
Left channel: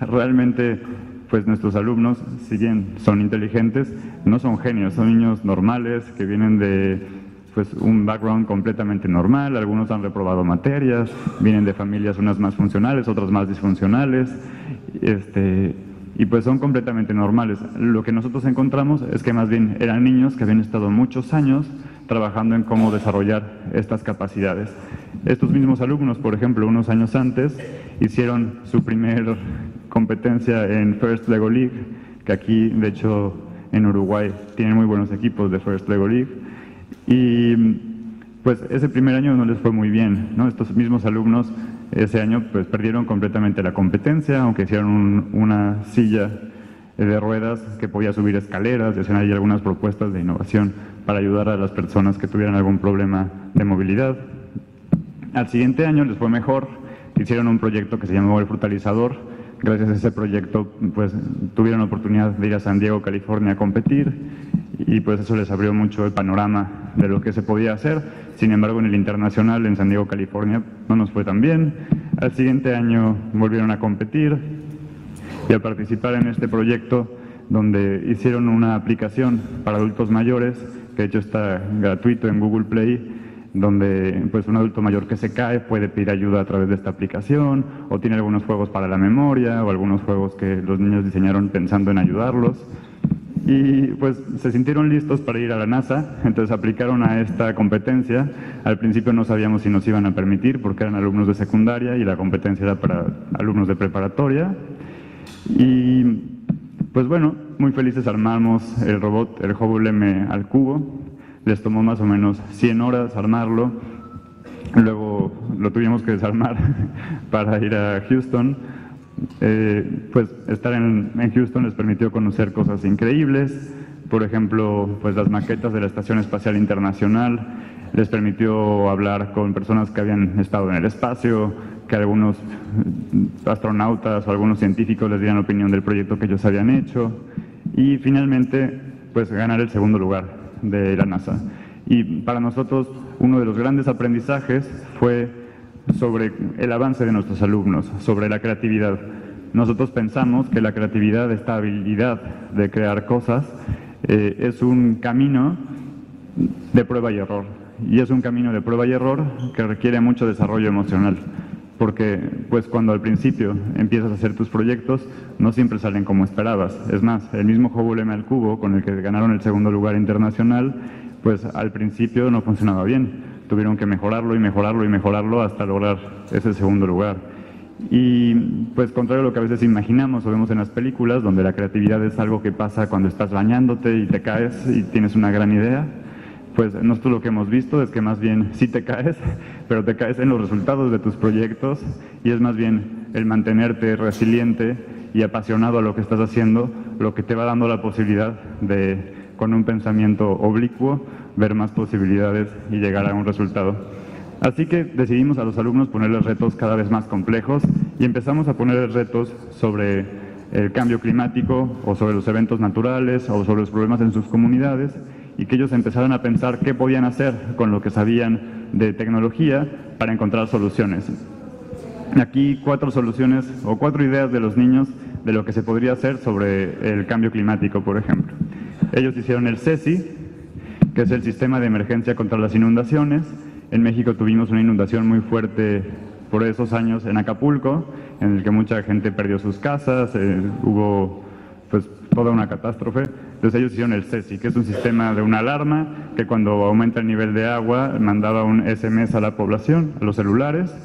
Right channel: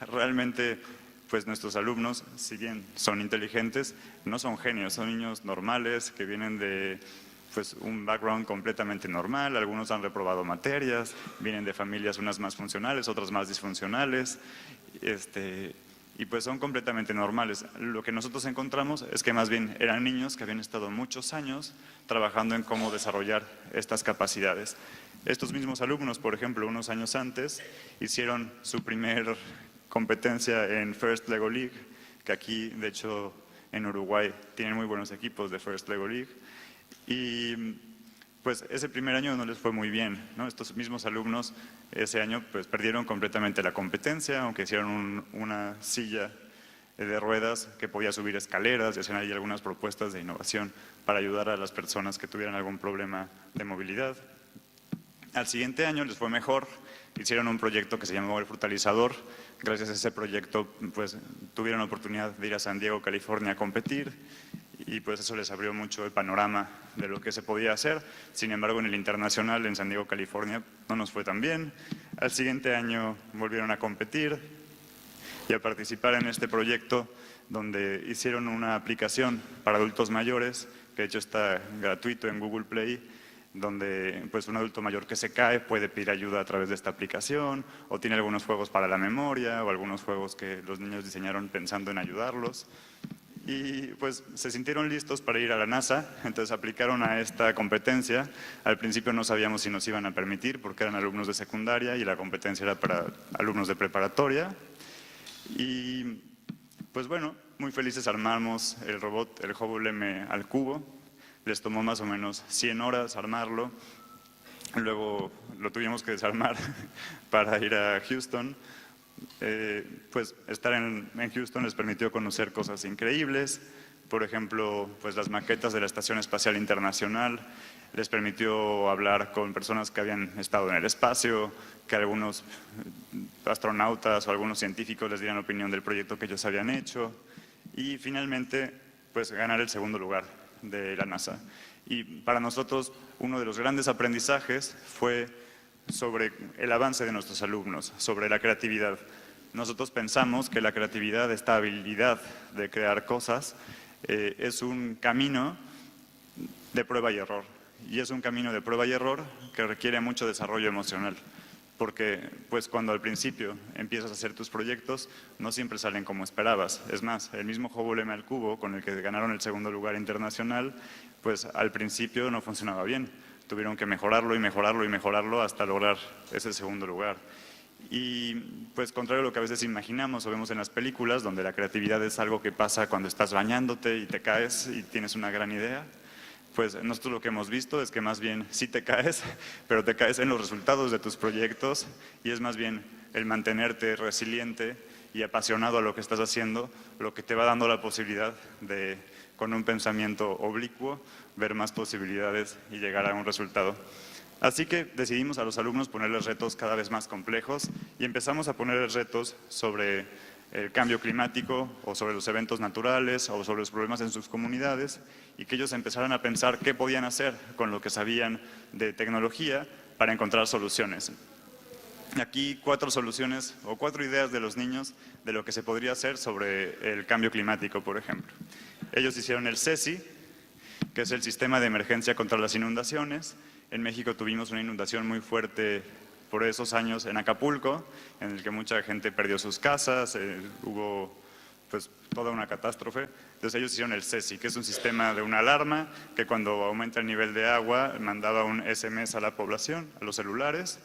realmente pues nuestros alumnos, si bien son inteligentes, no son genios, son niños normales que vienen de pues un background completamente normal, algunos han reprobado materias, vienen de familias unas más funcionales, otras más disfuncionales, y pues son completamente normales. Lo que nosotros encontramos es que más bien eran niños que habían estado muchos años trabajando en cómo desarrollar estas capacidades. Estos mismos alumnos, por ejemplo, unos años antes, hicieron su primer competencia en First Lego League, que aquí, de hecho, en Uruguay tienen muy buenos equipos de First Lego League. Y pues ese primer año no les fue muy bien, ¿no? Estos mismos alumnos ese año pues perdieron completamente la competencia, aunque hicieron una silla de ruedas que podía subir escaleras y hacían ahí algunas propuestas de innovación para ayudar a las personas que tuvieran algún problema de movilidad. Al siguiente año les fue mejor, hicieron un proyecto que se llamó El Frutalizador. Gracias a ese proyecto pues tuvieron la oportunidad de ir a San Diego, California a competir y pues eso les abrió mucho el panorama de lo que se podía hacer. Sin embargo, en el internacional en San Diego, California no nos fue tan bien. Al siguiente año volvieron a competir y a participar en este proyecto donde hicieron una aplicación para adultos mayores, que de hecho está gratuito en Google Play, donde pues un adulto mayor que se cae puede pedir ayuda a través de esta aplicación, o tiene algunos juegos para la memoria o algunos juegos que los niños diseñaron pensando en ayudarlos. Y pues se sintieron listos para ir a la NASA, entonces aplicaron a esta competencia. Al principio no sabíamos si nos iban a permitir porque eran alumnos de secundaria y la competencia era para alumnos de preparatoria. Y pues bueno, muy felices armamos el robot, el Hubble M al cubo. Les tomó más o menos 100 horas armarlo, luego lo tuvimos que desarmar para ir a Houston. Pues estar en Houston les permitió conocer cosas increíbles, por ejemplo, pues las maquetas de la Estación Espacial Internacional, les permitió hablar con personas que habían estado en el espacio, que algunos astronautas o algunos científicos les dieran opinión del proyecto que ellos habían hecho y finalmente pues ganar el segundo lugar. de la NASA. Y para nosotros uno de los grandes aprendizajes fue sobre el avance de nuestros alumnos, sobre la creatividad. Nosotros pensamos que la creatividad, esta habilidad de crear cosas, es un camino de prueba y error. Y es un camino de prueba y error que requiere mucho desarrollo emocional. Porque pues cuando al principio empiezas a hacer tus proyectos, no siempre salen como esperabas. Es más, el mismo juego M al cubo, con el que ganaron el segundo lugar internacional, pues al principio no funcionaba bien. Tuvieron que mejorarlo y mejorarlo y mejorarlo hasta lograr ese segundo lugar. Y pues contrario a lo que a veces imaginamos o vemos en las películas, donde la creatividad es algo que pasa cuando estás bañándote y te caes y tienes una gran idea, pues nosotros lo que hemos visto es que más bien sí te caes, pero te caes en los resultados de tus proyectos y es más bien el mantenerte resiliente y apasionado a lo que estás haciendo lo que te va dando la posibilidad de, con un pensamiento oblicuo, ver más posibilidades y llegar a un resultado. Así que decidimos a los alumnos ponerles retos cada vez más complejos y empezamos a ponerles retos sobre el cambio climático o sobre los eventos naturales o sobre los problemas en sus comunidades y que ellos empezaran a pensar qué podían hacer con lo que sabían de tecnología para encontrar soluciones. Aquí 4 soluciones o 4 ideas de los niños de lo que se podría hacer sobre el cambio climático, por ejemplo. Ellos hicieron el SESI, que es el Sistema de Emergencia contra las Inundaciones. En México tuvimos una inundación muy fuerte por esos años en Acapulco, en el que mucha gente perdió sus casas, hubo pues toda una catástrofe. Entonces ellos hicieron el SESI, que es un sistema de una alarma que cuando aumenta el nivel de agua mandaba un SMS a la población, a los celulares,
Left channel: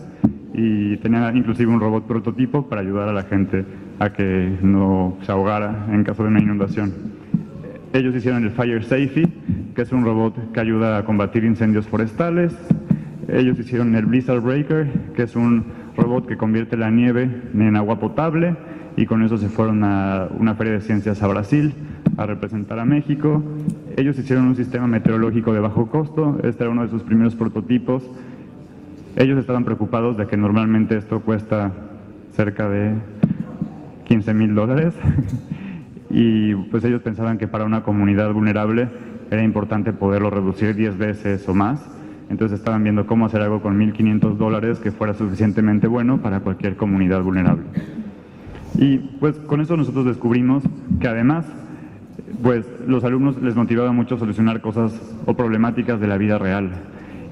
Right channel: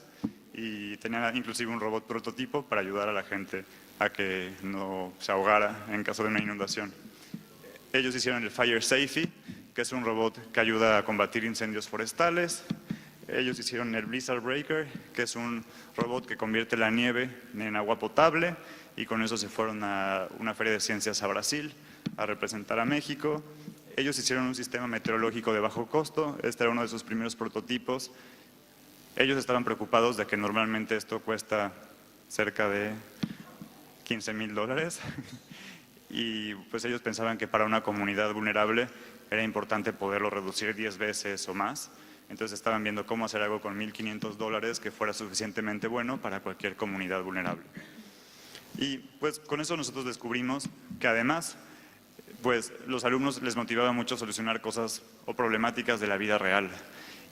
y tenía inclusive un robot prototipo para ayudar a la gente a que no se ahogara en caso de una inundación. Ellos hicieron el Fire Safety, que es un robot que ayuda a combatir incendios forestales. Ellos hicieron el Blizzard Breaker, que es un robot que convierte la nieve en agua potable, y con eso se fueron a una feria de ciencias a Brasil a representar a México. Ellos hicieron un sistema meteorológico de bajo costo, este era uno de sus primeros prototipos. Ellos estaban preocupados de que normalmente esto cuesta cerca de $15,000 y pues ellos pensaban que para una comunidad vulnerable era importante poderlo reducir 10 veces o más. Entonces estaban viendo cómo hacer algo con $1,500 que fuera suficientemente bueno para cualquier comunidad vulnerable. Y pues con eso nosotros descubrimos que además pues los alumnos les motivaba mucho solucionar cosas o problemáticas de la vida real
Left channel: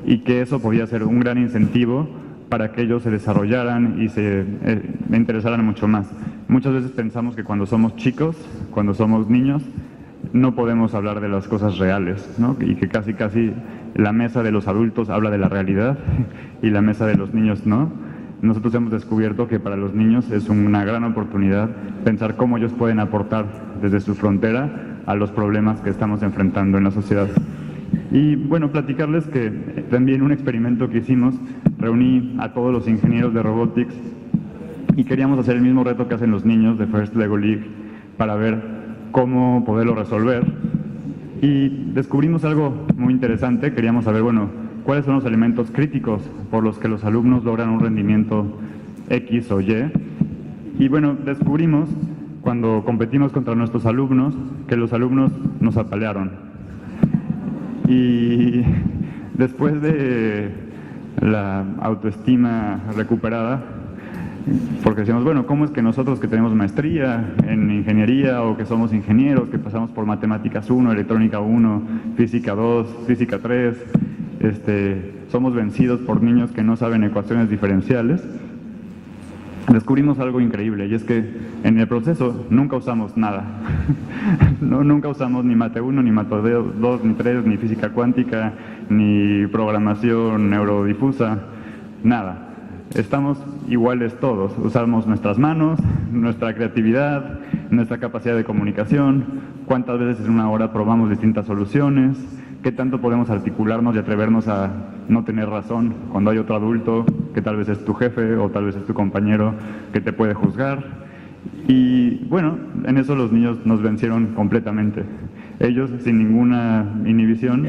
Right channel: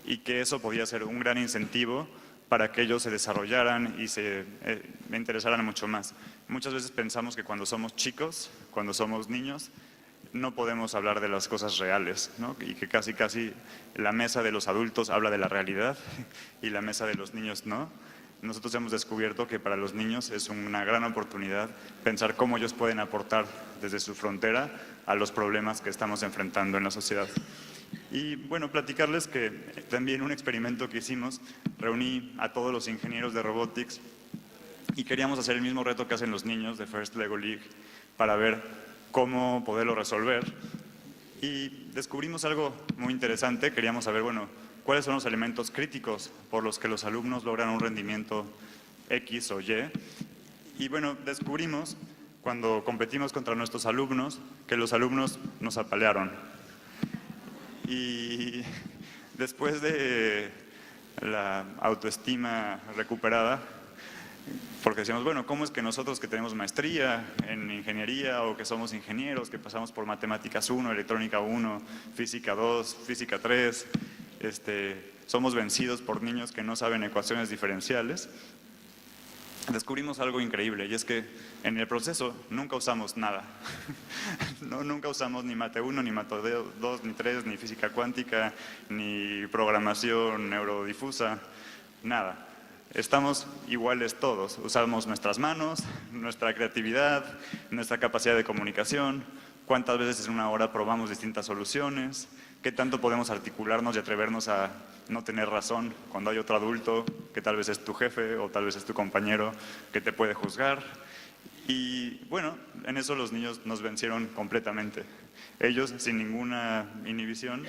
y que eso podía ser un gran incentivo para que ellos se desarrollaran y se interesaran mucho más. Muchas veces pensamos que cuando somos chicos, cuando somos niños, no podemos hablar de las cosas reales, ¿no? Y que casi la mesa de los adultos habla de la realidad y la mesa de los niños no. Nosotros hemos descubierto que para los niños es una gran oportunidad pensar cómo ellos pueden aportar desde su frontera a los problemas que estamos enfrentando en la sociedad. Y bueno, platicarles que también un experimento que hicimos, reuní a todos los ingenieros de robotics y queríamos hacer el mismo reto que hacen los niños de First Lego League para ver cómo poderlo resolver. Y descubrimos algo muy interesante, queríamos saber, bueno, cuáles son los elementos críticos por los que los alumnos logran un rendimiento X o Y. Y bueno, descubrimos cuando competimos contra nuestros alumnos que los alumnos nos apalearon. Y después de la autoestima recuperada, porque decíamos, bueno, ¿cómo es que nosotros que tenemos maestría en ingeniería o que somos ingenieros, que pasamos por matemáticas 1, electrónica 1, física 2, física 3, somos vencidos por niños que no saben ecuaciones diferenciales? Descubrimos algo increíble y es que en el proceso nunca usamos nada. Nunca usamos ni mate 1, ni mate 2, ni 3, ni física cuántica, ni programación neurodifusa, nada. Estamos iguales todos, usamos nuestras manos, nuestra creatividad, nuestra capacidad de comunicación, cuántas veces en una hora probamos distintas soluciones, qué tanto podemos articularnos y atrevernos a no tener razón cuando hay otro adulto que tal vez es tu jefe o tal vez es tu compañero que te puede juzgar. Y bueno, en eso los niños nos vencieron completamente. Ellos, sin ninguna inhibición,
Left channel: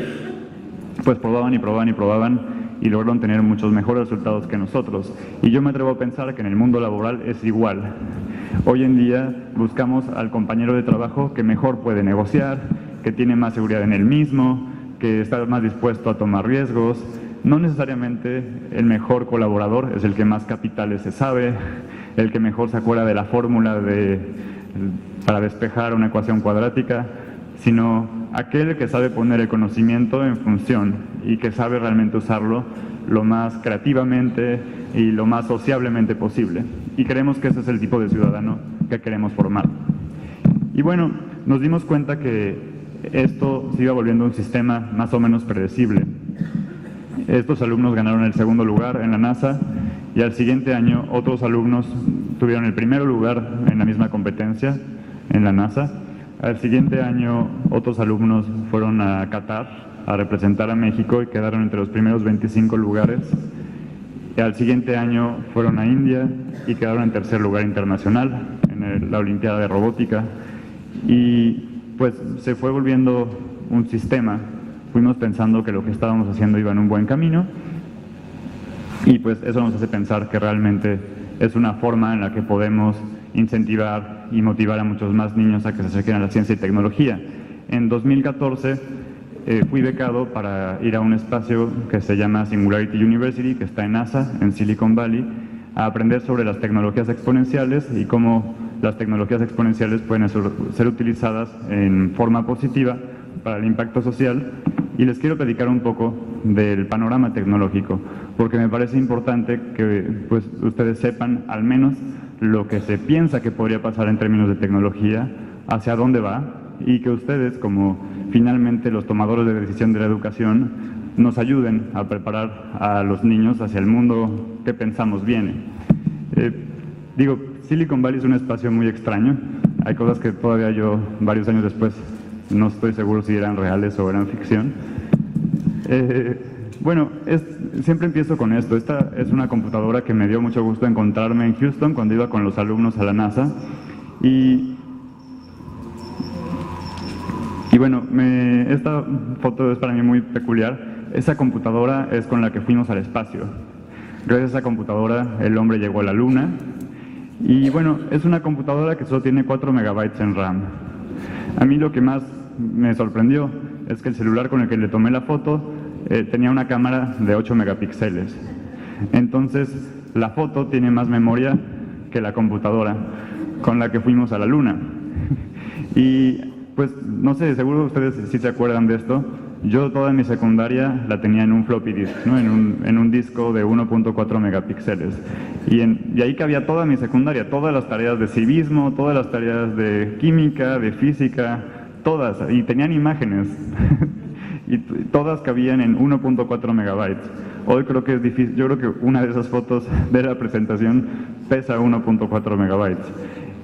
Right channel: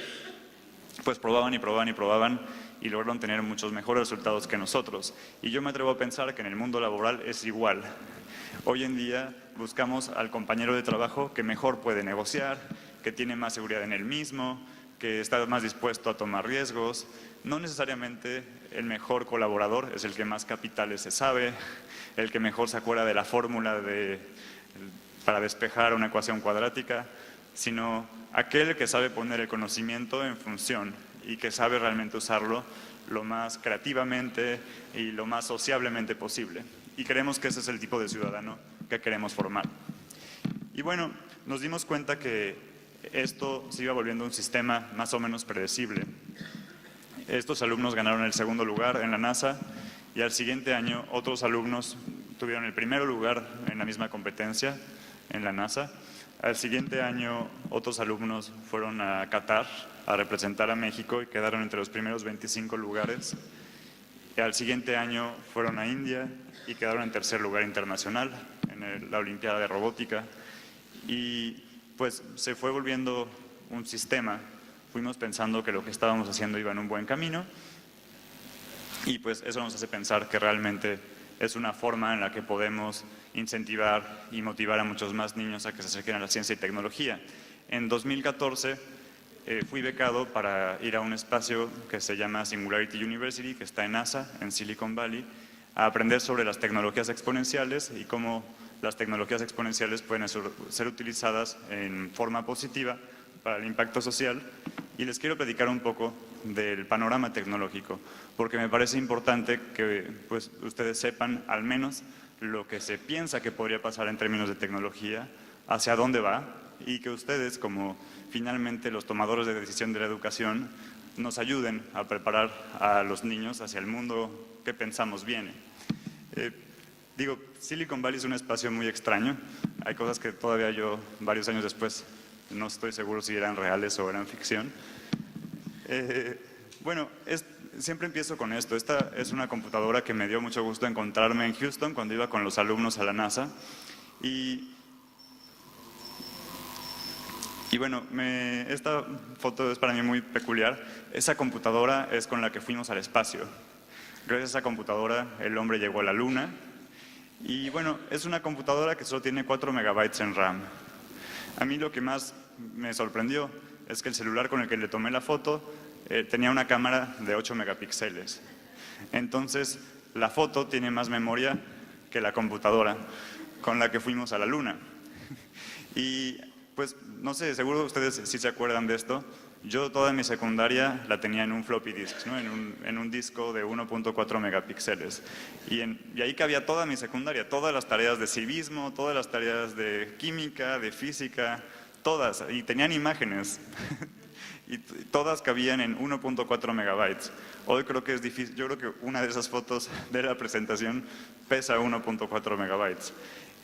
pues probaban y probaban y probaban y lograron tener muchos mejores resultados que nosotros. Y yo me atrevo a pensar que en el mundo laboral es igual. Hoy en día buscamos al compañero de trabajo que mejor puede negociar, que tiene más seguridad en él mismo, que está más dispuesto a tomar riesgos. No necesariamente el mejor colaborador es el que más capitales se sabe, el que mejor se acuerda de la fórmula para despejar una ecuación cuadrática, sino aquel que sabe poner el conocimiento en función y que sabe realmente usarlo lo más creativamente y lo más sociablemente posible. Y creemos que ese es el tipo de ciudadano que queremos formar. Y bueno, nos dimos cuenta que esto se iba volviendo un sistema más o menos predecible. Estos alumnos ganaron el segundo lugar en la NASA y al siguiente año otros alumnos tuvieron el primer lugar en la misma competencia en la NASA. Al siguiente año otros alumnos fueron a Qatar a representar a México y quedaron entre los primeros 25 lugares. Y al siguiente año fueron a India y quedaron en tercer lugar internacional en la Olimpiada de Robótica. Y pues se fue volviendo un sistema. Fuimos pensando que lo que estábamos haciendo iba en un buen camino y pues eso nos hace pensar que realmente es una forma en la que podemos incentivar y motivar a muchos más niños a que se acerquen a la ciencia y tecnología. En 2014 fui becado para ir a un espacio que se llama Singularity University, que está en NASA, en Silicon Valley, a aprender sobre las tecnologías exponenciales y cómo las tecnologías exponenciales pueden ser utilizadas en forma positiva para el impacto social. Y les quiero platicar un poco del panorama tecnológico, porque me parece importante que pues, ustedes sepan al menos lo que se piensa que podría pasar en términos de tecnología, hacia dónde va, y que ustedes, como finalmente los tomadores de decisión de la educación, nos ayuden a preparar a los niños hacia el mundo que pensamos viene. Silicon Valley es un espacio muy extraño. Hay cosas que todavía yo, varios años después, no estoy seguro si eran reales o eran ficción. Siempre empiezo con esto. Esta es una computadora que me dio mucho gusto encontrarme en Houston cuando iba con los alumnos a la NASA. Esta foto es para mí muy peculiar. Esa computadora es con la que fuimos al espacio. Gracias a esa computadora el hombre llegó a la Luna. Y bueno, es una computadora que solo tiene 4 megabytes en RAM. A mí lo que más me sorprendió es que el celular con el que le tomé la foto tenía una cámara de 8 megapíxeles. Entonces, la foto tiene más memoria que la computadora con la que fuimos a la Luna. Y pues, no sé, seguro ustedes sí se acuerdan de esto. Yo toda mi secundaria la tenía en un floppy disk, ¿no? en un disco de 1.4 megapíxeles. Y ahí cabía toda mi secundaria, todas las tareas de civismo, todas las tareas de química, de física, todas. Y tenían imágenes. Y todas cabían en 1.4 megabytes. Hoy creo que es difícil. Yo creo que una de esas fotos de la presentación pesa 1.4 megabytes.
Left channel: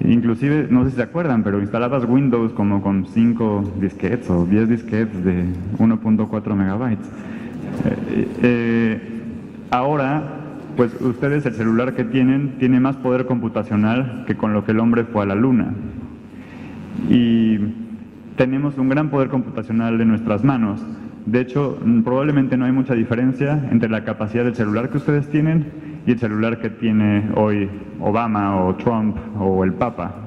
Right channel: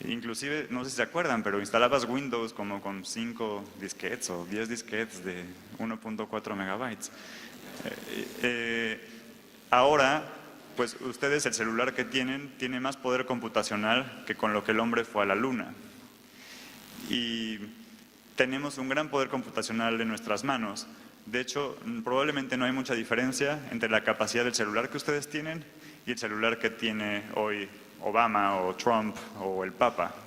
Inclusive, no sé si se acuerdan, pero instalabas Windows como con 5 disquetes o 10 disquetes de 1.4 megabytes. Ahora, pues ustedes el celular que tiene más poder computacional que con lo que el hombre fue a la Luna. Y tenemos un gran poder computacional en nuestras manos. De hecho, probablemente no hay mucha diferencia entre la capacidad del celular que ustedes tienen y el celular que tiene hoy Obama o Trump o el Papa.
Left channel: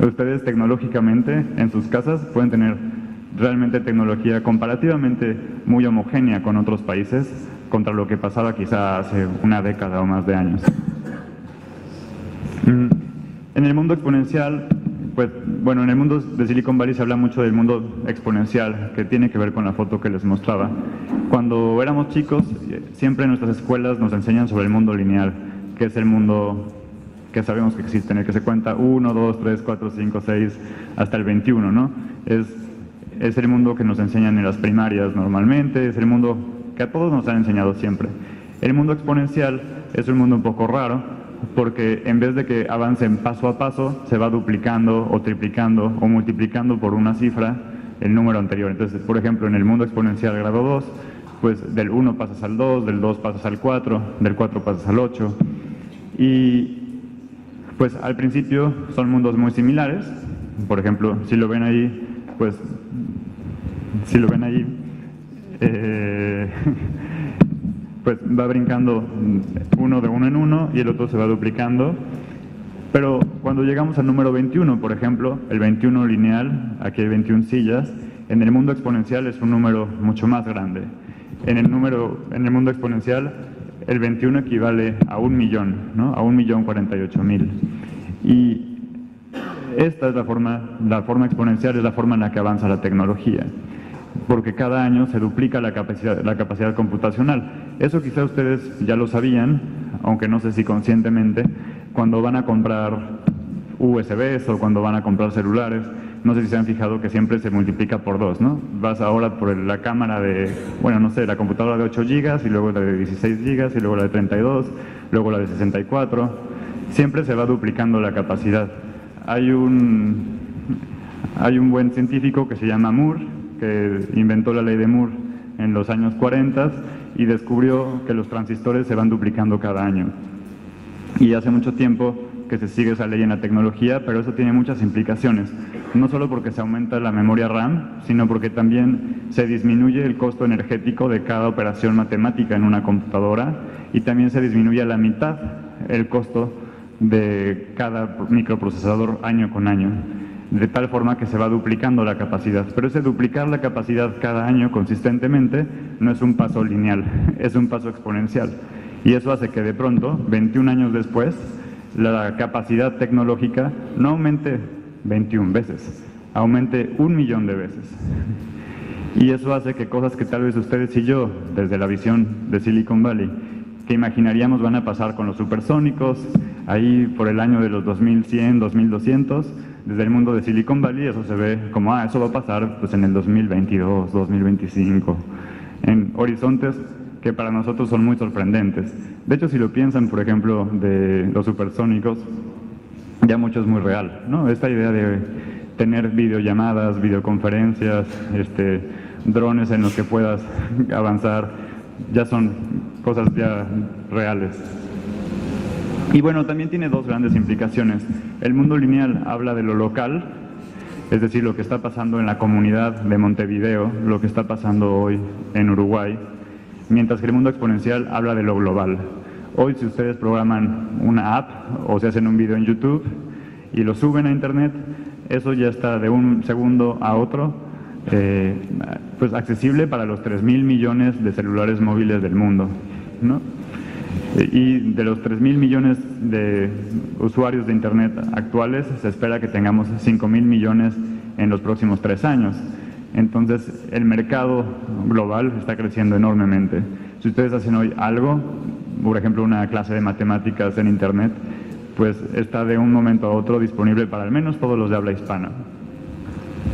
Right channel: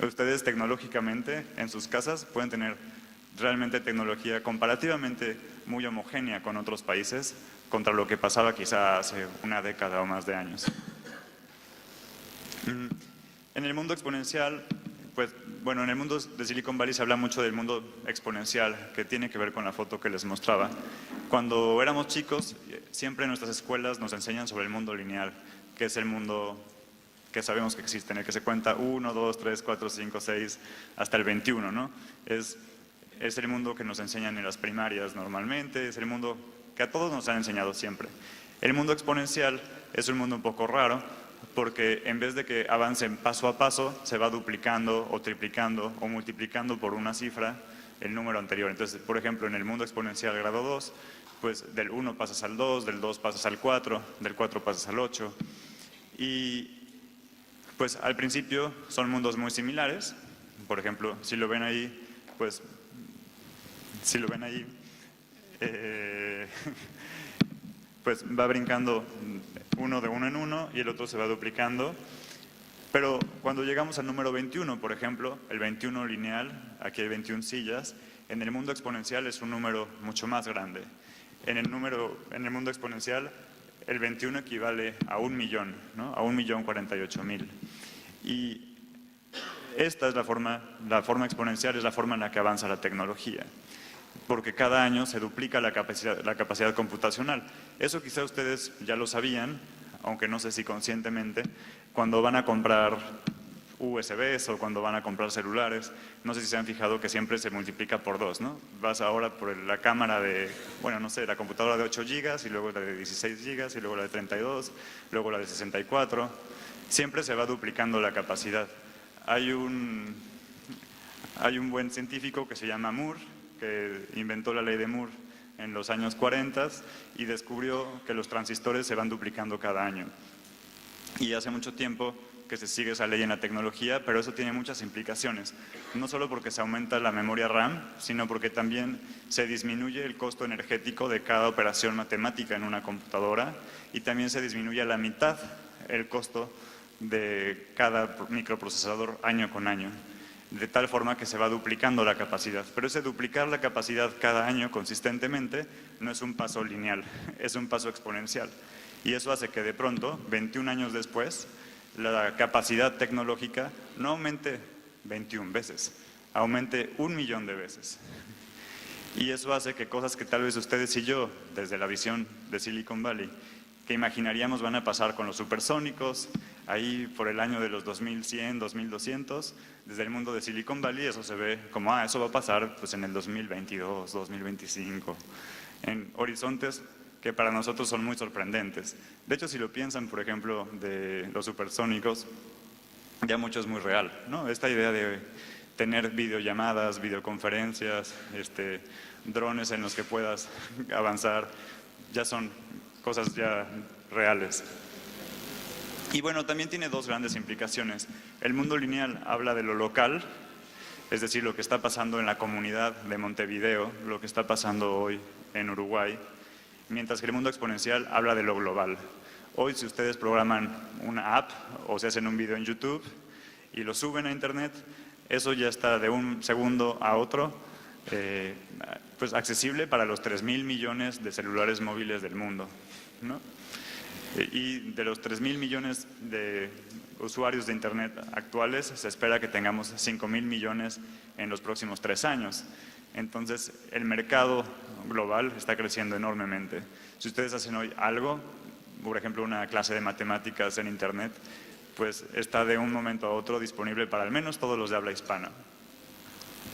Ustedes tecnológicamente en sus casas pueden tener realmente tecnología comparativamente muy homogénea con otros países contra lo que pasaba quizá hace una década o más de años. En el mundo exponencial, en el mundo de Silicon Valley se habla mucho del mundo exponencial, que tiene que ver con la foto que les mostraba. Cuando éramos chicos, siempre en nuestras escuelas nos enseñan sobre el mundo lineal, que es el mundo que sabemos que existe, en el que se cuenta 1, 2, 3, 4, 5, 6, hasta el 21, ¿no? Es el mundo que nos enseñan en las primarias normalmente, es el mundo que a todos nos han enseñado siempre. El mundo exponencial es un mundo un poco raro, porque en vez de que avancen paso a paso, se va duplicando o triplicando o multiplicando por una cifra el número anterior. Entonces, por ejemplo, en el mundo exponencial grado 2, pues del 1 pasas al 2, del 2 pasas al 4, del 4 pasas al 8. Y pues al principio son mundos muy similares. Por ejemplo, si lo ven ahí, pues va brincando uno de uno en uno y el otro se va duplicando. Pero cuando llegamos al número 21, por ejemplo, el 21 lineal, aquí hay 21 sillas, en el mundo exponencial es un número mucho más grande. En el mundo exponencial, el 21 equivale a 1.000.000, ¿no? A 1.048.000. Y esta es la forma exponencial es la forma en la que avanza la tecnología, porque cada año se duplica la capacidad computacional. Eso quizá ustedes ya lo sabían, aunque no sé si conscientemente, cuando van a comprar USBs o cuando van a comprar celulares, no sé si se han fijado que siempre se multiplica por 2, ¿no? Vas ahora por la cámara de, bueno, no sé, la computadora de 8 GB y luego la de 16 GB y luego la de 32, luego la de 64. Siempre se va duplicando la capacidad. Hay un buen científico que se llama Moore, que inventó la ley de Moore en los años 40 y descubrió que los transistores se van duplicando cada año. Y hace mucho tiempo que se sigue esa ley en la tecnología, pero eso tiene muchas implicaciones. No solo porque se aumenta la memoria RAM, sino porque también se disminuye el costo energético de cada operación matemática en una computadora y también se disminuye a la mitad el costo de cada microprocesador año con año, de tal forma que se va duplicando la capacidad. Pero ese duplicar la capacidad cada año consistentemente no es un paso lineal, es un paso exponencial. Y eso hace que de pronto, 21 años después, la capacidad tecnológica no aumente 21 veces, aumente 1.000.000 de veces. Y eso hace que cosas que tal vez ustedes y yo, desde la visión de Silicon Valley, que imaginaríamos van a pasar con los supersónicos, ahí por el año de los 2100, 2200, desde el mundo de Silicon Valley eso se ve como, eso va a pasar pues en el 2022, 2025, en horizontes que para nosotros son muy sorprendentes. De hecho, si lo piensan, por ejemplo, de los supersónicos, ya mucho es muy real, ¿no? Esta idea de tener videollamadas, videoconferencias, drones en los que puedas avanzar, ya son cosas ya reales. Y bueno, también tiene dos grandes implicaciones. El mundo lineal habla de lo local, es decir, lo que está pasando en la comunidad de Montevideo, lo que está pasando hoy en Uruguay, mientras que el mundo exponencial habla de lo global. Hoy, si ustedes programan una app o se hacen un video en YouTube y lo suben a Internet, eso ya está de un segundo a otro, pues accesible para los 3.000 millones de celulares móviles del mundo, ¿no? Y de los 3.000 millones de usuarios de Internet actuales, se espera que tengamos 5.000 millones en los próximos 3 años. Entonces, el mercado global está creciendo enormemente. Si ustedes hacen hoy algo, por ejemplo, una clase de matemáticas en Internet, pues está de un momento a otro disponible para al menos todos los de habla hispana.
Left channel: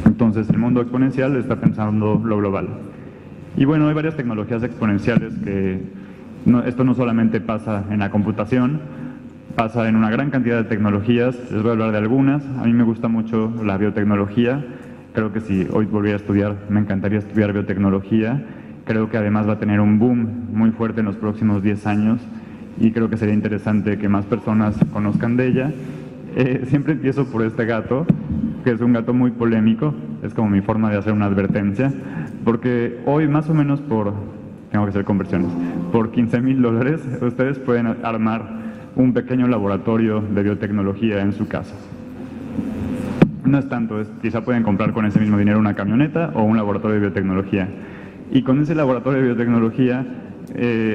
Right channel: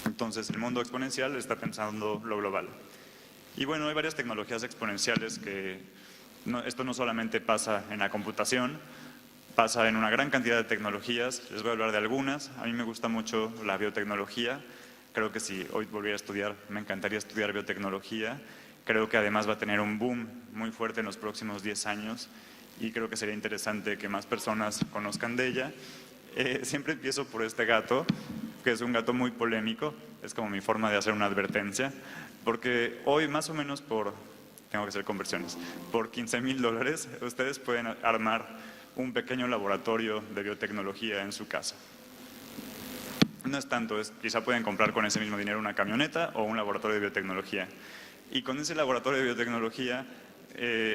Entonces, el mundo exponencial está pensando lo global. Y bueno, hay varias tecnologías exponenciales que esto no solamente pasa en la computación, pasa en una gran cantidad de tecnologías. Les voy a hablar de algunas. A mí me gusta mucho la biotecnología. Creo que si hoy volviera a estudiar, me encantaría estudiar biotecnología. Creo que además va a tener un boom muy fuerte en los próximos 10 años y creo que sería interesante que más personas conozcan de ella. Siempre empiezo por este gato, que es un gato muy polémico, es como mi forma de hacer una advertencia, porque hoy más o menos tengo que hacer conversiones, por $15,000 ustedes pueden armar un pequeño laboratorio de biotecnología en su casa. No es tanto, quizá pueden comprar con ese mismo dinero una camioneta o un laboratorio de biotecnología. Y con ese laboratorio de biotecnología,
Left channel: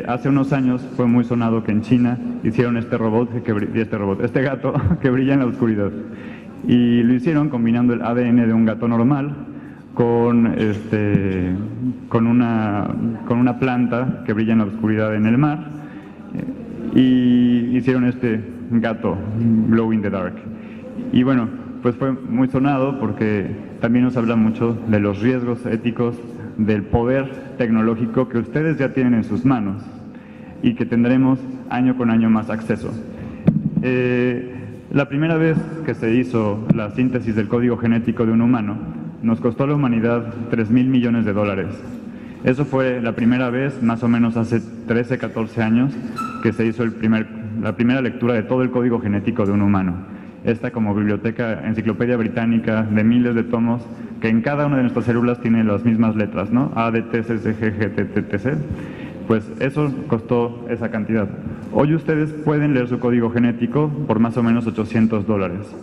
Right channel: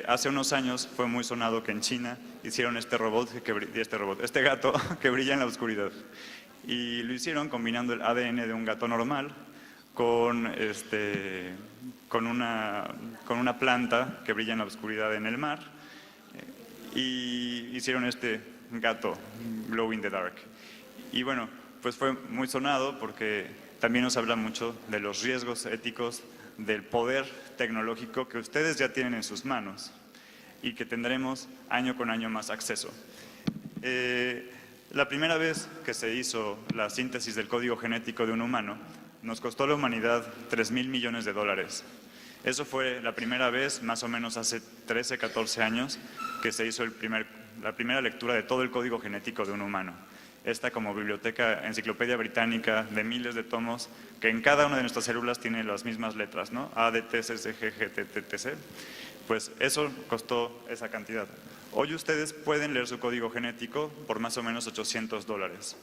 hace unos años fue muy sonado que en China hicieron este gato que brilla en la oscuridad. Y lo hicieron combinando el ADN de un gato normal con una planta que brilla en la oscuridad en el mar. Y hicieron este gato, Glow in the Dark. Y bueno, pues fue muy sonado porque también nos habla mucho de los riesgos éticos del poder tecnológico que ustedes ya tienen en sus manos y que tendremos año con año más acceso. La primera vez que se hizo la síntesis del código genético de un humano nos costó a la humanidad $3.000 millones. Eso fue la primera vez, más o menos hace 13, 14 años, que se hizo la primera lectura de todo el código genético de un humano. Esta como biblioteca, enciclopedia británica de miles de tomos, que en cada una de nuestras células tiene las mismas letras, ¿no? A, D, T, C, C, G, G, T, T, T, C. Pues eso costó esa cantidad. Hoy ustedes pueden leer su código genético por más o menos $800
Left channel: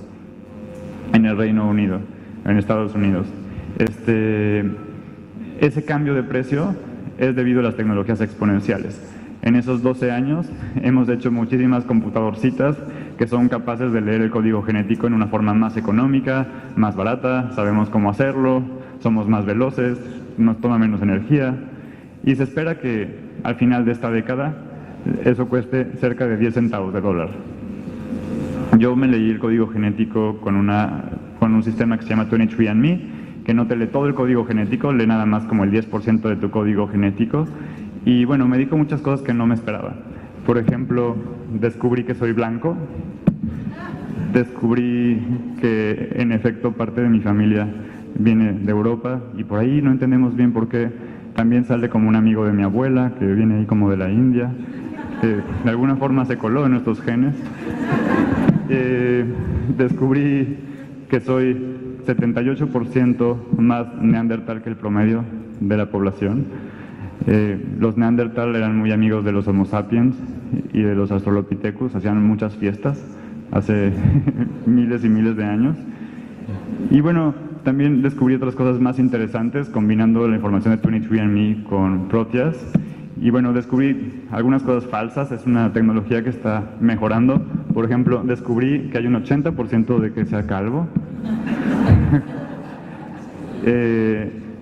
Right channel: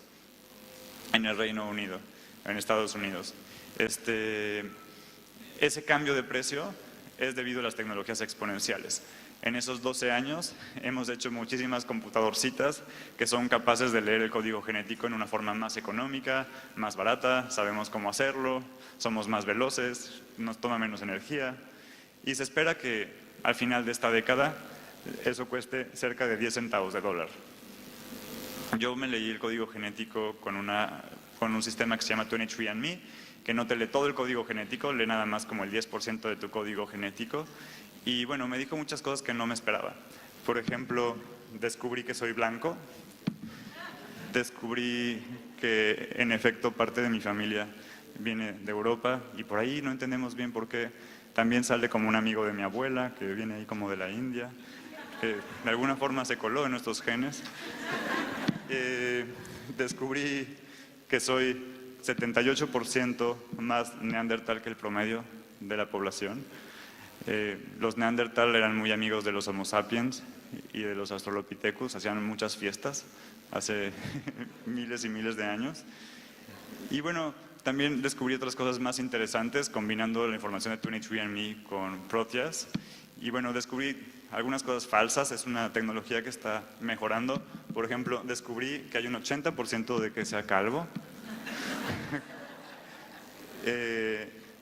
en el Reino Unido, en Estados Unidos. Ese cambio de precio es debido a las tecnologías exponenciales. En esos 12 años hemos hecho muchísimas computadorcitas que son capaces de leer el código genético en una forma más económica, más barata, sabemos cómo hacerlo, somos más veloces, nos toma menos energía y se espera que al final de esta década eso cueste cerca de 10 centavos de dólar. Yo me leí el código genético con un sistema que se llama 23andMe, que no te lee todo el código genético, lee nada más como el 10% de tu código genético. Y bueno, me dijo muchas cosas que no me esperaba. Por ejemplo, descubrí que soy blanco, descubrí que en efecto parte de mi familia viene de Europa y por ahí no entendemos bien por qué. También sale como un amigo de mi abuela, que viene ahí como de la India, que de alguna forma se coló en nuestros genes. Descubrí que soy 78% más neandertal que el promedio de la población. Los neandertal eran muy amigos de los Homo sapiens y de los Australopithecus, hacían muchas fiestas hace miles y miles de años. Y bueno, también descubrí otras cosas más interesantes combinando la información de 23andMe con Proteus. Y bueno, descubrí algunas cosas falsas, es una tecnología que está mejorando. Por ejemplo, descubrí que hay un 80% de que sea calvo.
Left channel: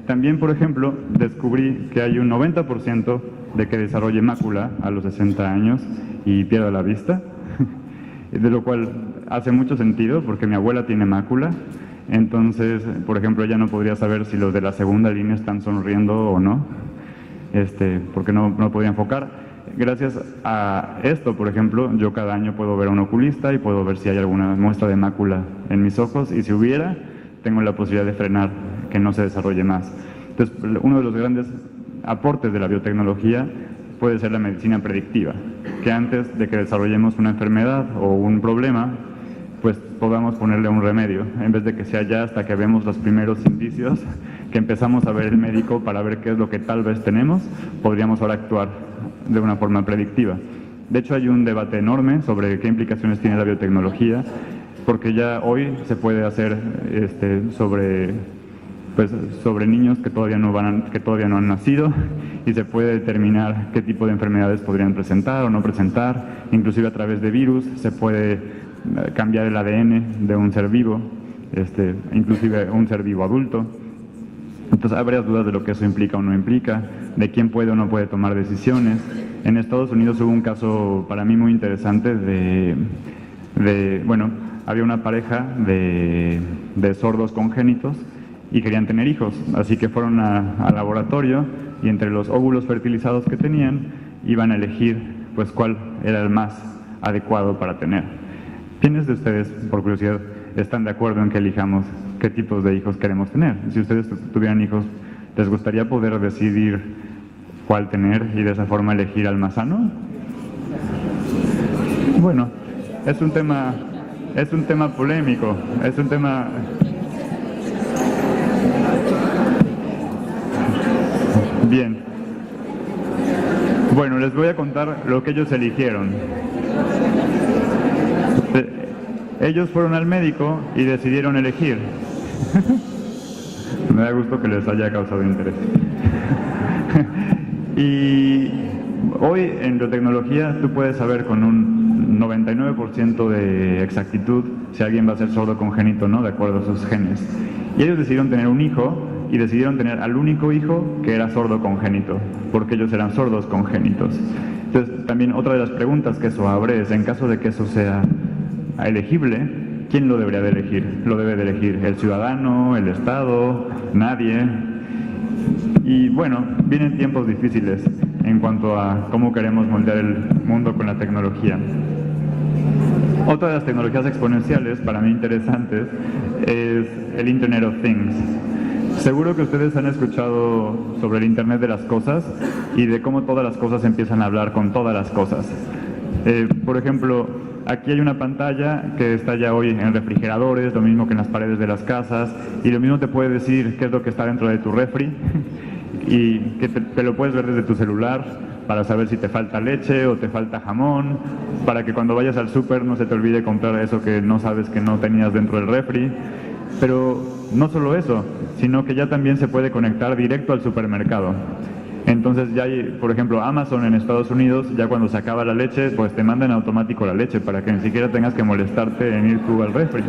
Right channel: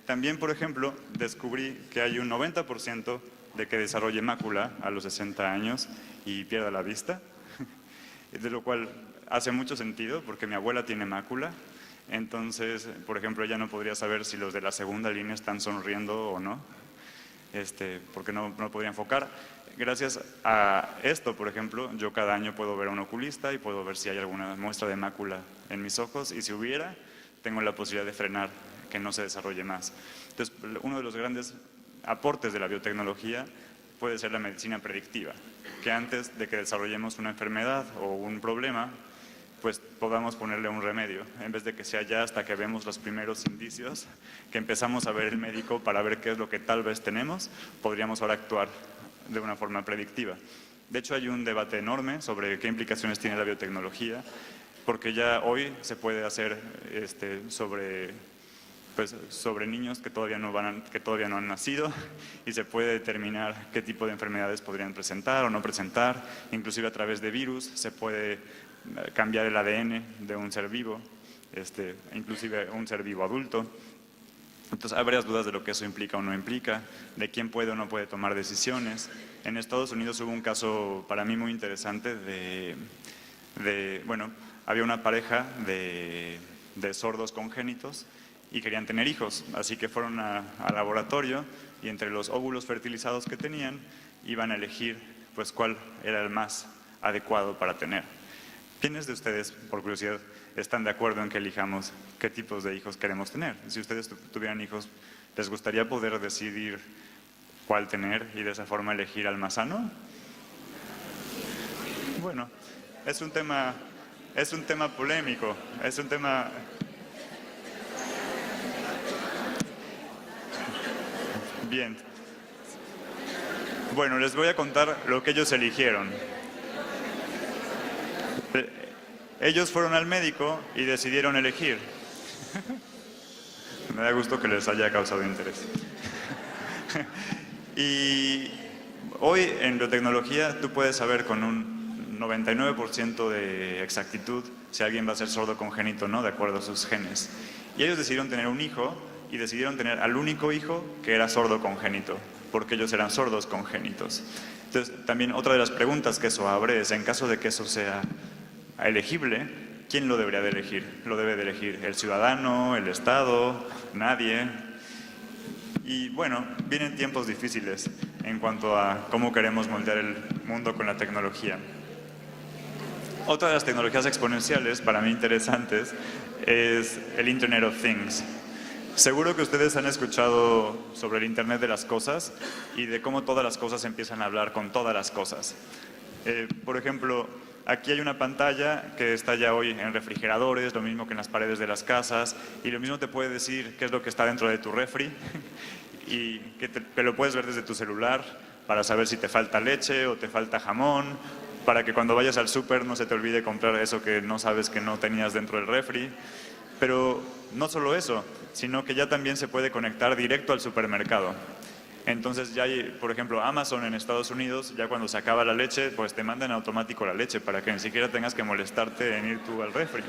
También, por ejemplo, descubrí que hay un 90% de que desarrolle mácula a los 60 años y pierda la vista, de lo cual hace mucho sentido porque mi abuela tiene mácula. Entonces, por ejemplo, ella no podría saber si los de la segunda línea están sonriendo o no, porque no podía enfocar. Gracias a esto, por ejemplo, yo cada año puedo ver a un oculista y puedo ver si hay alguna muestra de mácula en mis ojos y si hubiera, tengo la posibilidad de frenar que no se desarrolle más. Entonces, uno de los grandes aportes de la biotecnología puede ser la medicina predictiva, que antes de que desarrollemos una enfermedad o un problema, pues podamos ponerle un remedio, en vez de que sea ya hasta que vemos los primeros indicios, que empezamos a ver el médico para ver qué es lo que tal vez tenemos, podríamos ahora actuar de una forma predictiva. De hecho, hay un debate enorme sobre qué implicaciones tiene la biotecnología, porque ya hoy se puede hacer sobre niños que todavía no han nacido y se puede determinar qué tipo de enfermedades podrían presentar o no presentar, inclusive a través de virus se puede cambiar el ADN de un ser vivo, inclusive un ser vivo adulto. Entonces hay varias dudas de lo que eso implica o no implica, de quién puede o no puede tomar decisiones. En Estados Unidos hubo un caso para mí muy interesante había una pareja de sordos congénitos y querían tener hijos, así que fueron al laboratorio y entre los óvulos fertilizados que tenían iban a elegir pues cuál era el más adecuado para tener. ¿Quiénes de ustedes, por curiosidad, están de acuerdo en que elijamos qué tipos de hijos queremos tener? Si ustedes tuvieran hijos, ¿les gustaría poder decidir cuál tener y de esa forma elegir al más sano? Bueno, es un tema polémico, es un tema... Bien. Bueno, les voy a contar lo que ellos eligieron. Ellos fueron al médico y decidieron elegir. Me da gusto que les haya causado interés. Y hoy en biotecnología tú puedes saber con un 99% de exactitud si alguien va a ser sordo congénito o no, de acuerdo a sus genes. Y ellos decidieron tener un hijo y decidieron tener al único hijo que era sordo congénito, porque ellos eran sordos congénitos. Entonces, también otra de las preguntas que eso abre es, en caso de que eso sea elegible, ¿quién lo debería de elegir? ¿Lo debe de elegir el ciudadano, el Estado, nadie? Y bueno, vienen tiempos difíciles en cuanto a cómo queremos moldear el mundo con la tecnología. Otra de las tecnologías exponenciales, para mí interesantes, es el Internet of Things. Seguro que ustedes han escuchado sobre el Internet de las cosas y de cómo todas las cosas empiezan a hablar con todas las cosas. Por ejemplo, aquí hay una pantalla que está ya hoy en refrigeradores, lo mismo que en las paredes de las casas, y lo mismo te puede decir qué es lo que está dentro de tu refri, y que lo puedes ver desde tu celular, para saber si te falta leche o te falta jamón, para que cuando vayas al súper no se te olvide comprar eso que no sabes que no tenías dentro del refri. Pero no solo eso, sino que ya también se puede conectar directo al supermercado. Entonces ya hay, por ejemplo, Amazon en Estados Unidos, ya cuando se acaba la leche, pues te mandan en automático la leche para que ni siquiera tengas que molestarte en ir tú al refri.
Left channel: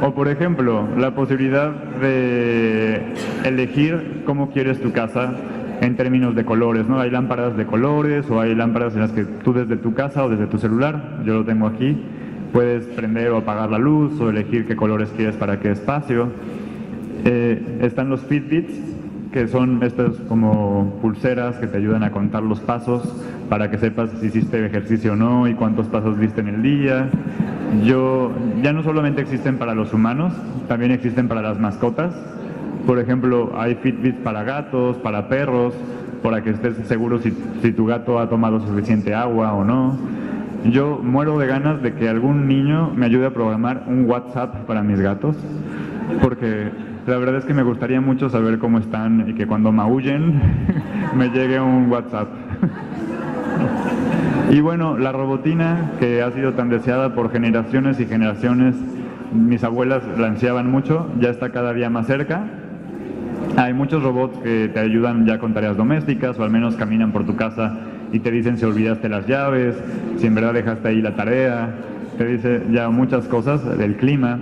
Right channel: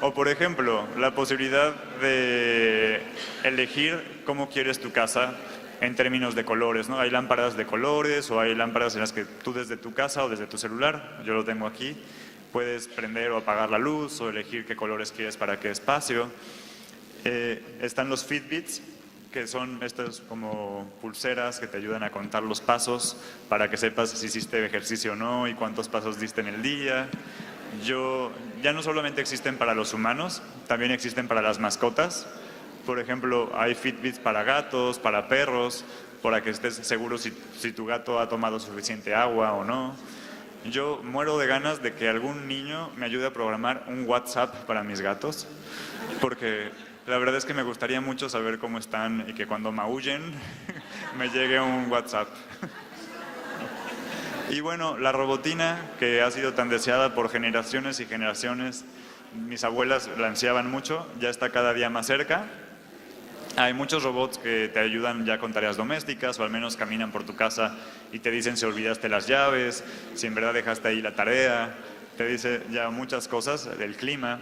O por ejemplo, la posibilidad de elegir cómo quieres tu casa en términos de colores, ¿no? Hay lámparas de colores o hay lámparas en las que tú desde tu casa o desde tu celular, yo lo tengo aquí, puedes prender o apagar la luz o elegir qué colores quieres para qué espacio. Están los Fitbits, que son estas como pulseras que te ayudan a contar los pasos para que sepas si hiciste ejercicio o no y cuántos pasos diste en el día. Ya no solamente existen para los humanos, también existen para las mascotas. Por ejemplo, hay Fitbits para gatos, para perros, para que estés seguro si tu gato ha tomado suficiente agua o no. Yo muero de ganas de que algún niño me ayude a programar un WhatsApp para mis gatos, porque la verdad es que me gustaría mucho saber cómo están y que cuando maullen me llegue un WhatsApp. Y bueno, la robotina, que ha sido tan deseada por generaciones y generaciones, mis abuelas la ansiaban mucho, ya está cada día más cerca. Hay muchos robots que te ayudan ya con tareas domésticas o al menos caminan por tu casa y te dicen si olvidaste las llaves, si en verdad dejaste ahí la tarea, te dice ya muchas cosas del clima.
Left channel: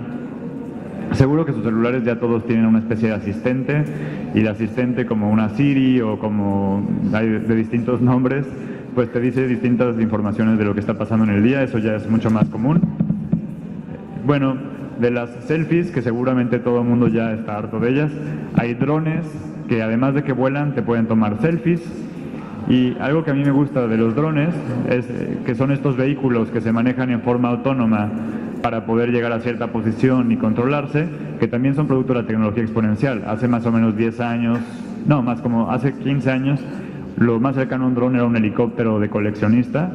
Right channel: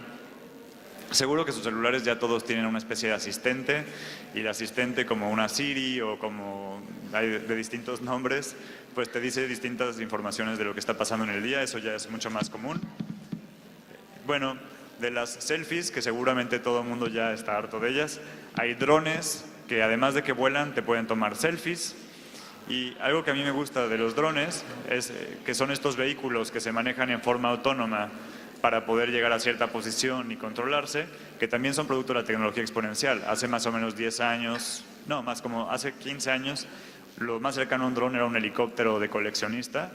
Seguro que sus celulares ya todos tienen una especie de asistente, y el asistente, como una Siri o como hay de distintos nombres, pues te dice distintas informaciones de lo que está pasando en el día. Eso ya es mucho más común. Bueno, de las selfies, que seguramente todo el mundo ya está harto de ellas, hay drones que además de que vuelan te pueden tomar selfies. Y algo que a mí me gusta de los drones es que son estos vehículos que se manejan en forma autónoma para poder llegar a cierta posición y controlarse, que también son producto de la tecnología exponencial. Hace más o menos 10 años, no, más como hace 15 años, lo más cercano a un dron era un helicóptero de coleccionista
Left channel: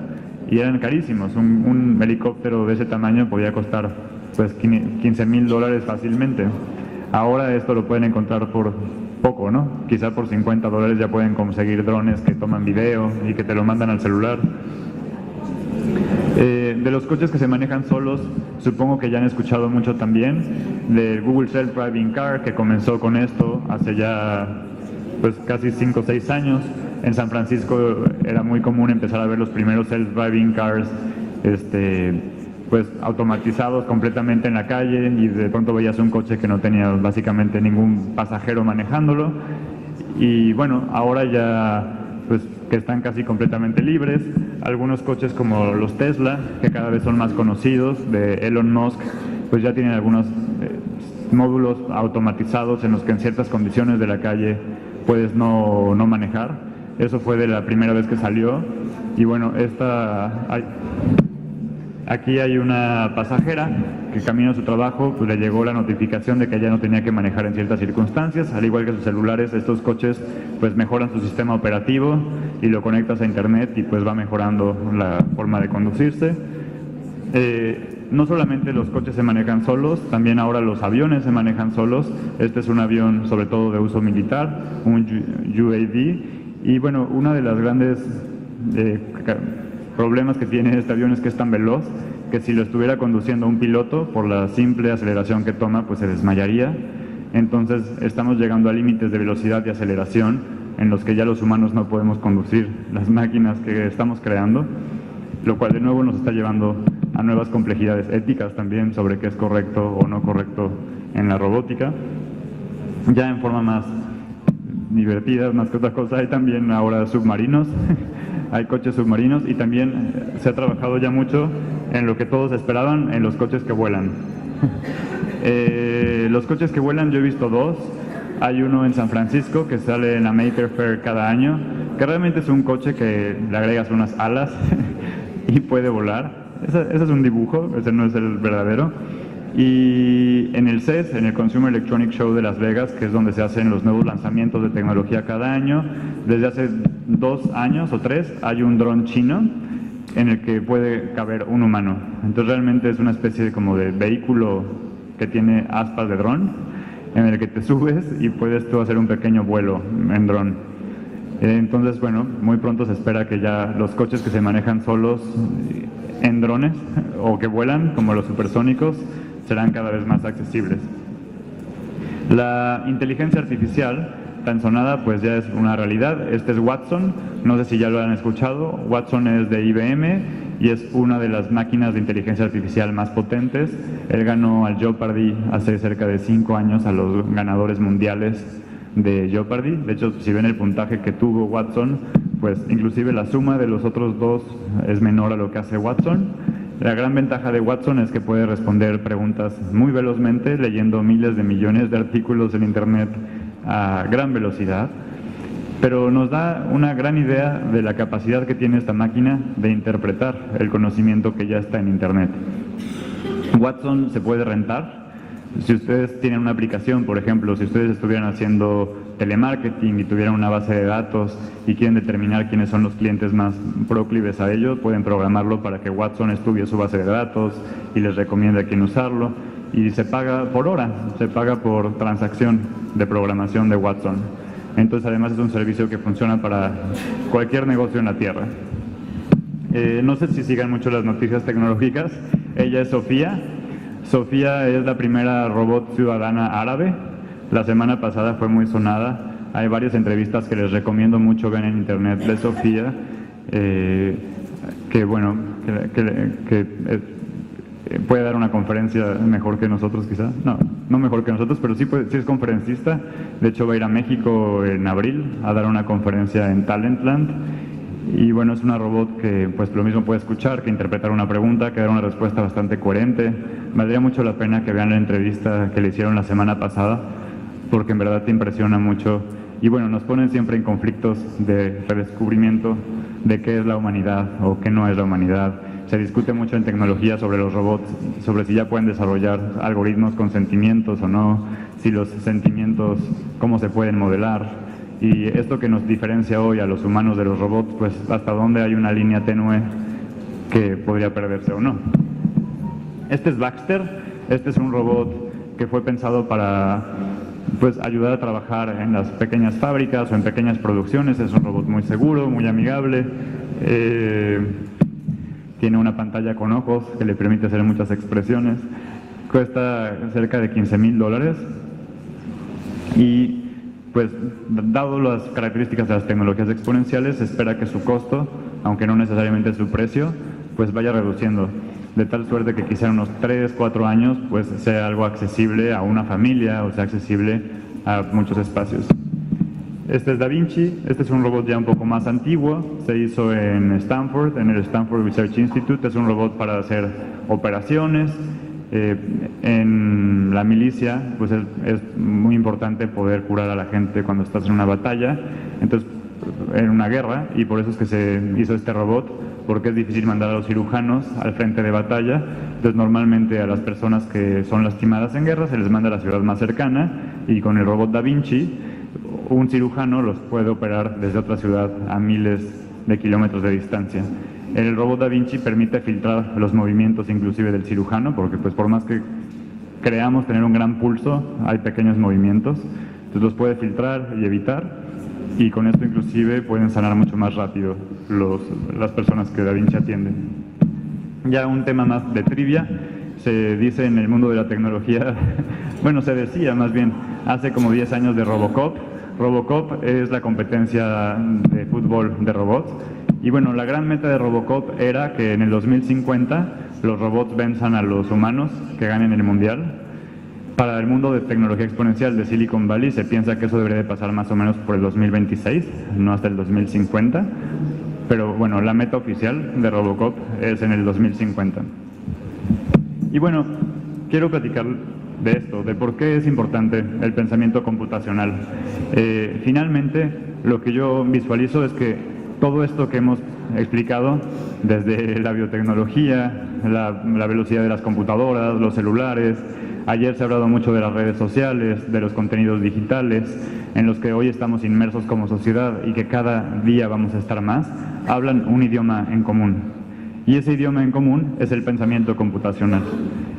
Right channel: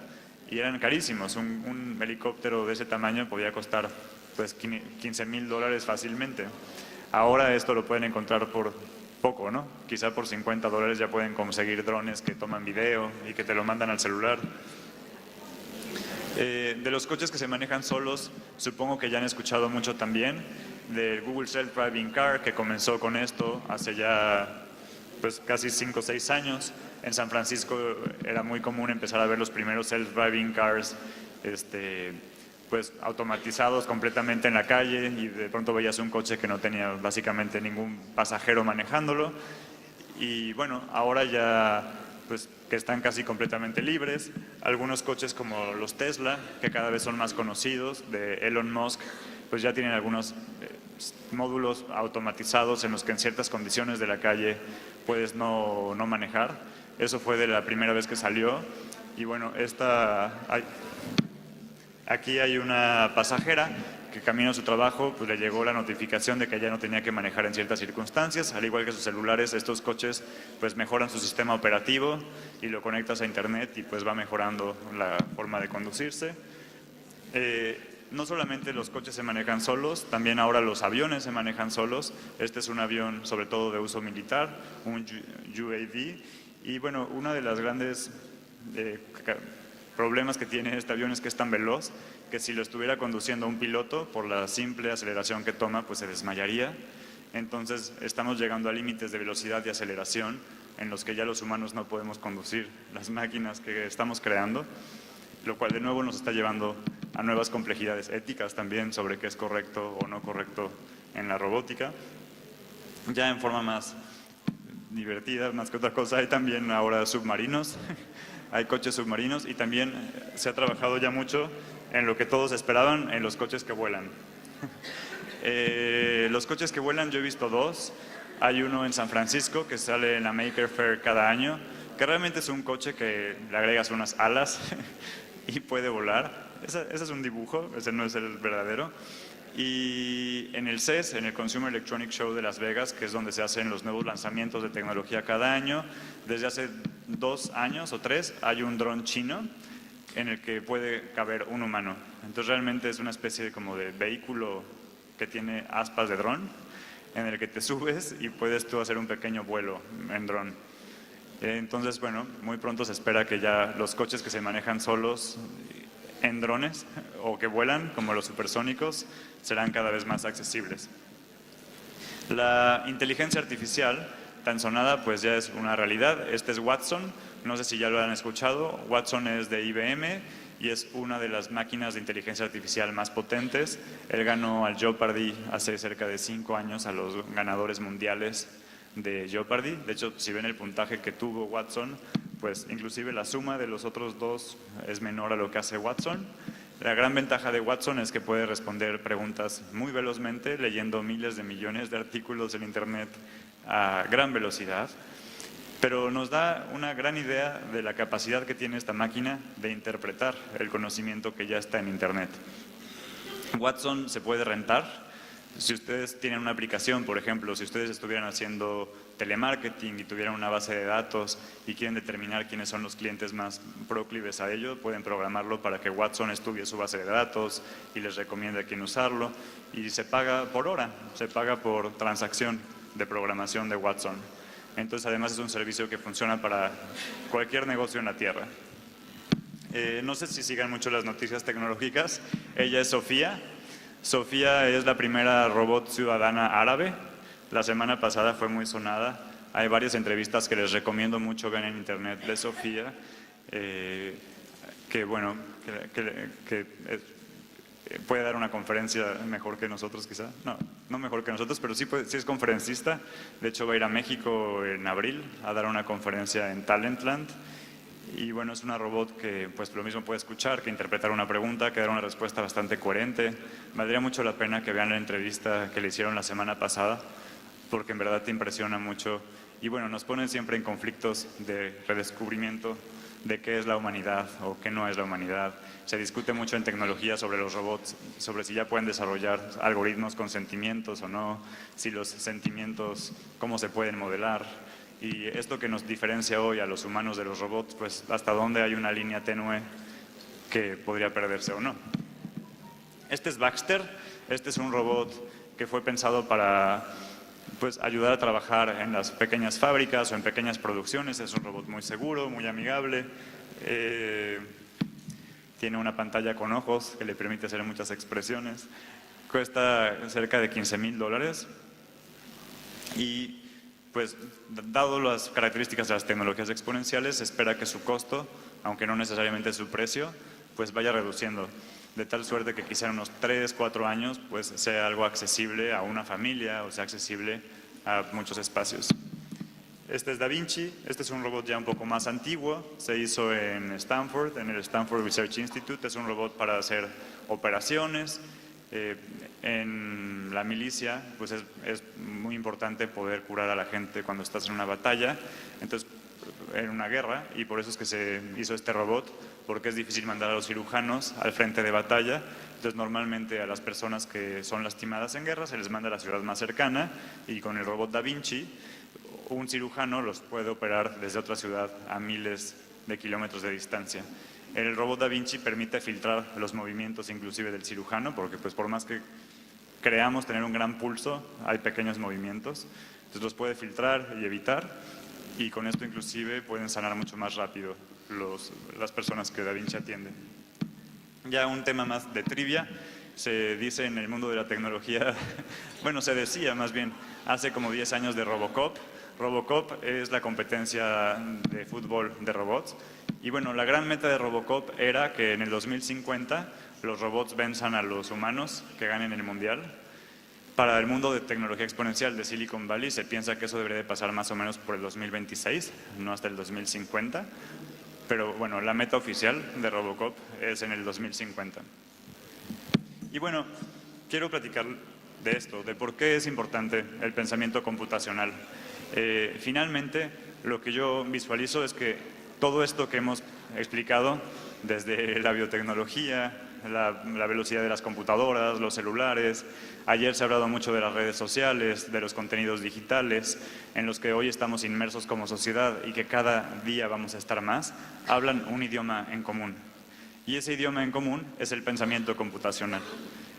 y eran carísimos. Un helicóptero de ese tamaño podía costar pues $15,000 fácilmente. Ahora esto lo pueden encontrar por poco, ¿no? Quizá por $50 ya pueden conseguir drones que toman video y que te lo mandan al celular. De los coches que se manejan solos, supongo que ya han escuchado mucho también del Google Self-Driving Car, que comenzó con esto hace ya pues casi 5 o 6 años. En San Francisco era muy común empezar a ver los primeros Self-Driving Cars pues automatizados completamente en la calle, y de pronto veías un coche que no tenía básicamente ningún pasajero manejándolo. Y bueno, ahora ya pues que están casi completamente libres. Algunos coches como los Tesla, que cada vez son más conocidos, de Elon Musk, pues ya tienen algunos módulos automatizados en los que en ciertas condiciones de la calle puedes no manejar. Eso fue de la primera vez que salió. Y bueno, aquí hay una pasajera que camino a su trabajo, pues le llegó la notificación de que ya no tenía que manejar en ciertas circunstancias. Al igual que sus celulares, estos coches pues mejoran su sistema operativo y lo conectas a internet y pues va mejorando la forma de conducirse. No solamente los coches se manejan solos, también ahora los aviones se manejan solos. Este es un avión sobre todo de uso militar, un UAV. Y bueno, una de las grandes problemas que tiene este avión es que es tan veloz que si lo estuviera conduciendo un piloto, por la simple aceleración que toma, pues se desmayaría. Entonces estamos llegando a límites de velocidad y aceleración en los que ya los humanos no podemos conducir las máquinas que estamos creando, lo cual de nuevo nos está llevando a nuevas complejidades éticas también sobre qué es correcto o no correcto en la robótica. Ya en forma más divertida, más que otra cosa, hay también ahora submarinos. Hay coches submarinos, y también se ha trabajado ya mucho en lo que todos esperaban, en los coches que vuelan. Los coches que vuelan yo he visto dos. Hay uno en San Francisco que sale en la Maker Faire cada año, que realmente es un coche que le agregas unas alas y puede volar. Ese es un dibujo, ese no es el verdadero. Y en el CES, en el Consumer Electronic Show de Las Vegas, que es donde se hacen los nuevos lanzamientos de tecnología cada año, desde hace 2 años o 3 hay un dron chino en el que puede caber un humano. Entonces realmente es una especie como de vehículo que tiene aspas de dron, en el que te subes y puedes tú hacer un pequeño vuelo en dron. Entonces, bueno, muy pronto se espera que ya los coches que se manejan solos en drones o que vuelan, como los supersónicos, serán cada vez más accesibles. La inteligencia artificial tan sonada pues ya es una realidad. Este es Watson, no sé si ya lo han escuchado. Watson es de IBM y es una de las máquinas de inteligencia artificial más potentes. Él ganó al Jeopardy hace cerca de 5 años a los ganadores mundiales de Jeopardy. De hecho, si ven el puntaje que tuvo Watson, pues inclusive la suma de los otros dos es menor a lo que hace Watson. La gran ventaja de Watson es que puede responder preguntas muy velozmente, leyendo miles de millones de artículos en Internet a gran velocidad, pero nos da una gran idea de la capacidad que tiene esta máquina de interpretar el conocimiento que ya está en Internet. Watson se puede rentar. Si ustedes tienen una aplicación, por ejemplo, si ustedes estuvieran haciendo telemarketing y tuvieran una base de datos y quieren determinar quiénes son los clientes más proclives a ello, pueden programarlo para que Watson estudie su base de datos y les recomiende a quién usarlo. Y se paga por hora, se paga por transacción de programación de Watson. Entonces, además es un servicio que funciona para cualquier negocio en la Tierra. No sé si sigan mucho las noticias tecnológicas. Ella es Sofía. Sofía es la primera robot ciudadana árabe. La semana pasada fue muy sonada. Hay varias entrevistas que les recomiendo mucho ver en internet de Sofía, que bueno, que puede dar una conferencia mejor que nosotros quizá. No mejor que nosotros, pero sí es conferencista. De hecho va a ir a México en abril a dar una conferencia en Talentland. Y bueno, es una robot que pues lo mismo puede escuchar, que interpretar una pregunta, que dar una respuesta bastante coherente. Valdría mucho la pena que vean la entrevista que le hicieron la semana pasada, porque en verdad te impresiona mucho. Y bueno, nos ponen siempre en conflictos de redescubrimiento de qué es la humanidad o qué no es la humanidad. Se discute mucho en tecnología sobre los robots, sobre si ya pueden desarrollar algoritmos con sentimientos o no, si los sentimientos, cómo se pueden modelar. Y esto que nos diferencia hoy a los humanos de los robots, pues hasta dónde hay una línea tenue que podría perderse o no. Este es Baxter. Este es un robot que fue pensado para pues ayudar a trabajar en las pequeñas fábricas o en pequeñas producciones. Es un robot muy seguro, muy amigable. Tiene una pantalla con ojos que le permite hacer muchas expresiones. Cuesta cerca de $15,000 y pues dado las características de las tecnologías exponenciales, se espera que su costo, aunque no necesariamente su precio, pues vaya reduciendo, de tal suerte que quizá en unos 3-4 años pues sea algo accesible a una familia o sea accesible a muchos espacios. Este es Da Vinci. Este es un robot ya un poco más antiguo, se hizo en Stanford, en el Stanford Research Institute. Es un robot para hacer operaciones. En la milicia pues es muy importante poder curar a la gente cuando estás en una batalla, entonces en una guerra, y por eso es que se hizo este robot, porque es difícil mandar a los cirujanos al frente de batalla. Entonces normalmente a las personas que son lastimadas en guerra se les manda a la ciudad más cercana, y con el robot Da Vinci un cirujano los puede operar desde otra ciudad a miles de kilómetros de distancia. El robot Da Vinci permite filtrar los movimientos inclusive del cirujano, porque pues por más que creamos tener un gran pulso, hay pequeños movimientos, entonces los puede filtrar y evitar, y con esto inclusive pueden sanar mucho más rápido las personas que Da Vinci atiende. Ya un tema más de trivia, se dice en el mundo de la tecnología, bueno, se decía más bien, hace como 10 años de Robocop. Robocop es la competencia de fútbol de robots. Y bueno, la gran meta de Robocop era que en el 2050 los robots venzan a los humanos, que ganen el mundial. Para el mundo de tecnología exponencial de Silicon Valley se piensa que eso debería de pasar más o menos por el 2026, no hasta el 2050. Pero bueno, la meta oficial de Robocop es en el 2050. Y bueno, quiero platicar de esto, de por qué es importante el pensamiento computacional. Finalmente, lo que yo visualizo es que todo esto que hemos explicado, desde la biotecnología, la velocidad de las computadoras, los celulares, ayer se ha hablado mucho de las redes sociales, de los contenidos digitales, en los que hoy estamos inmersos como sociedad y que cada día vamos a estar más, hablan un idioma en común. Y ese idioma en común es el pensamiento computacional.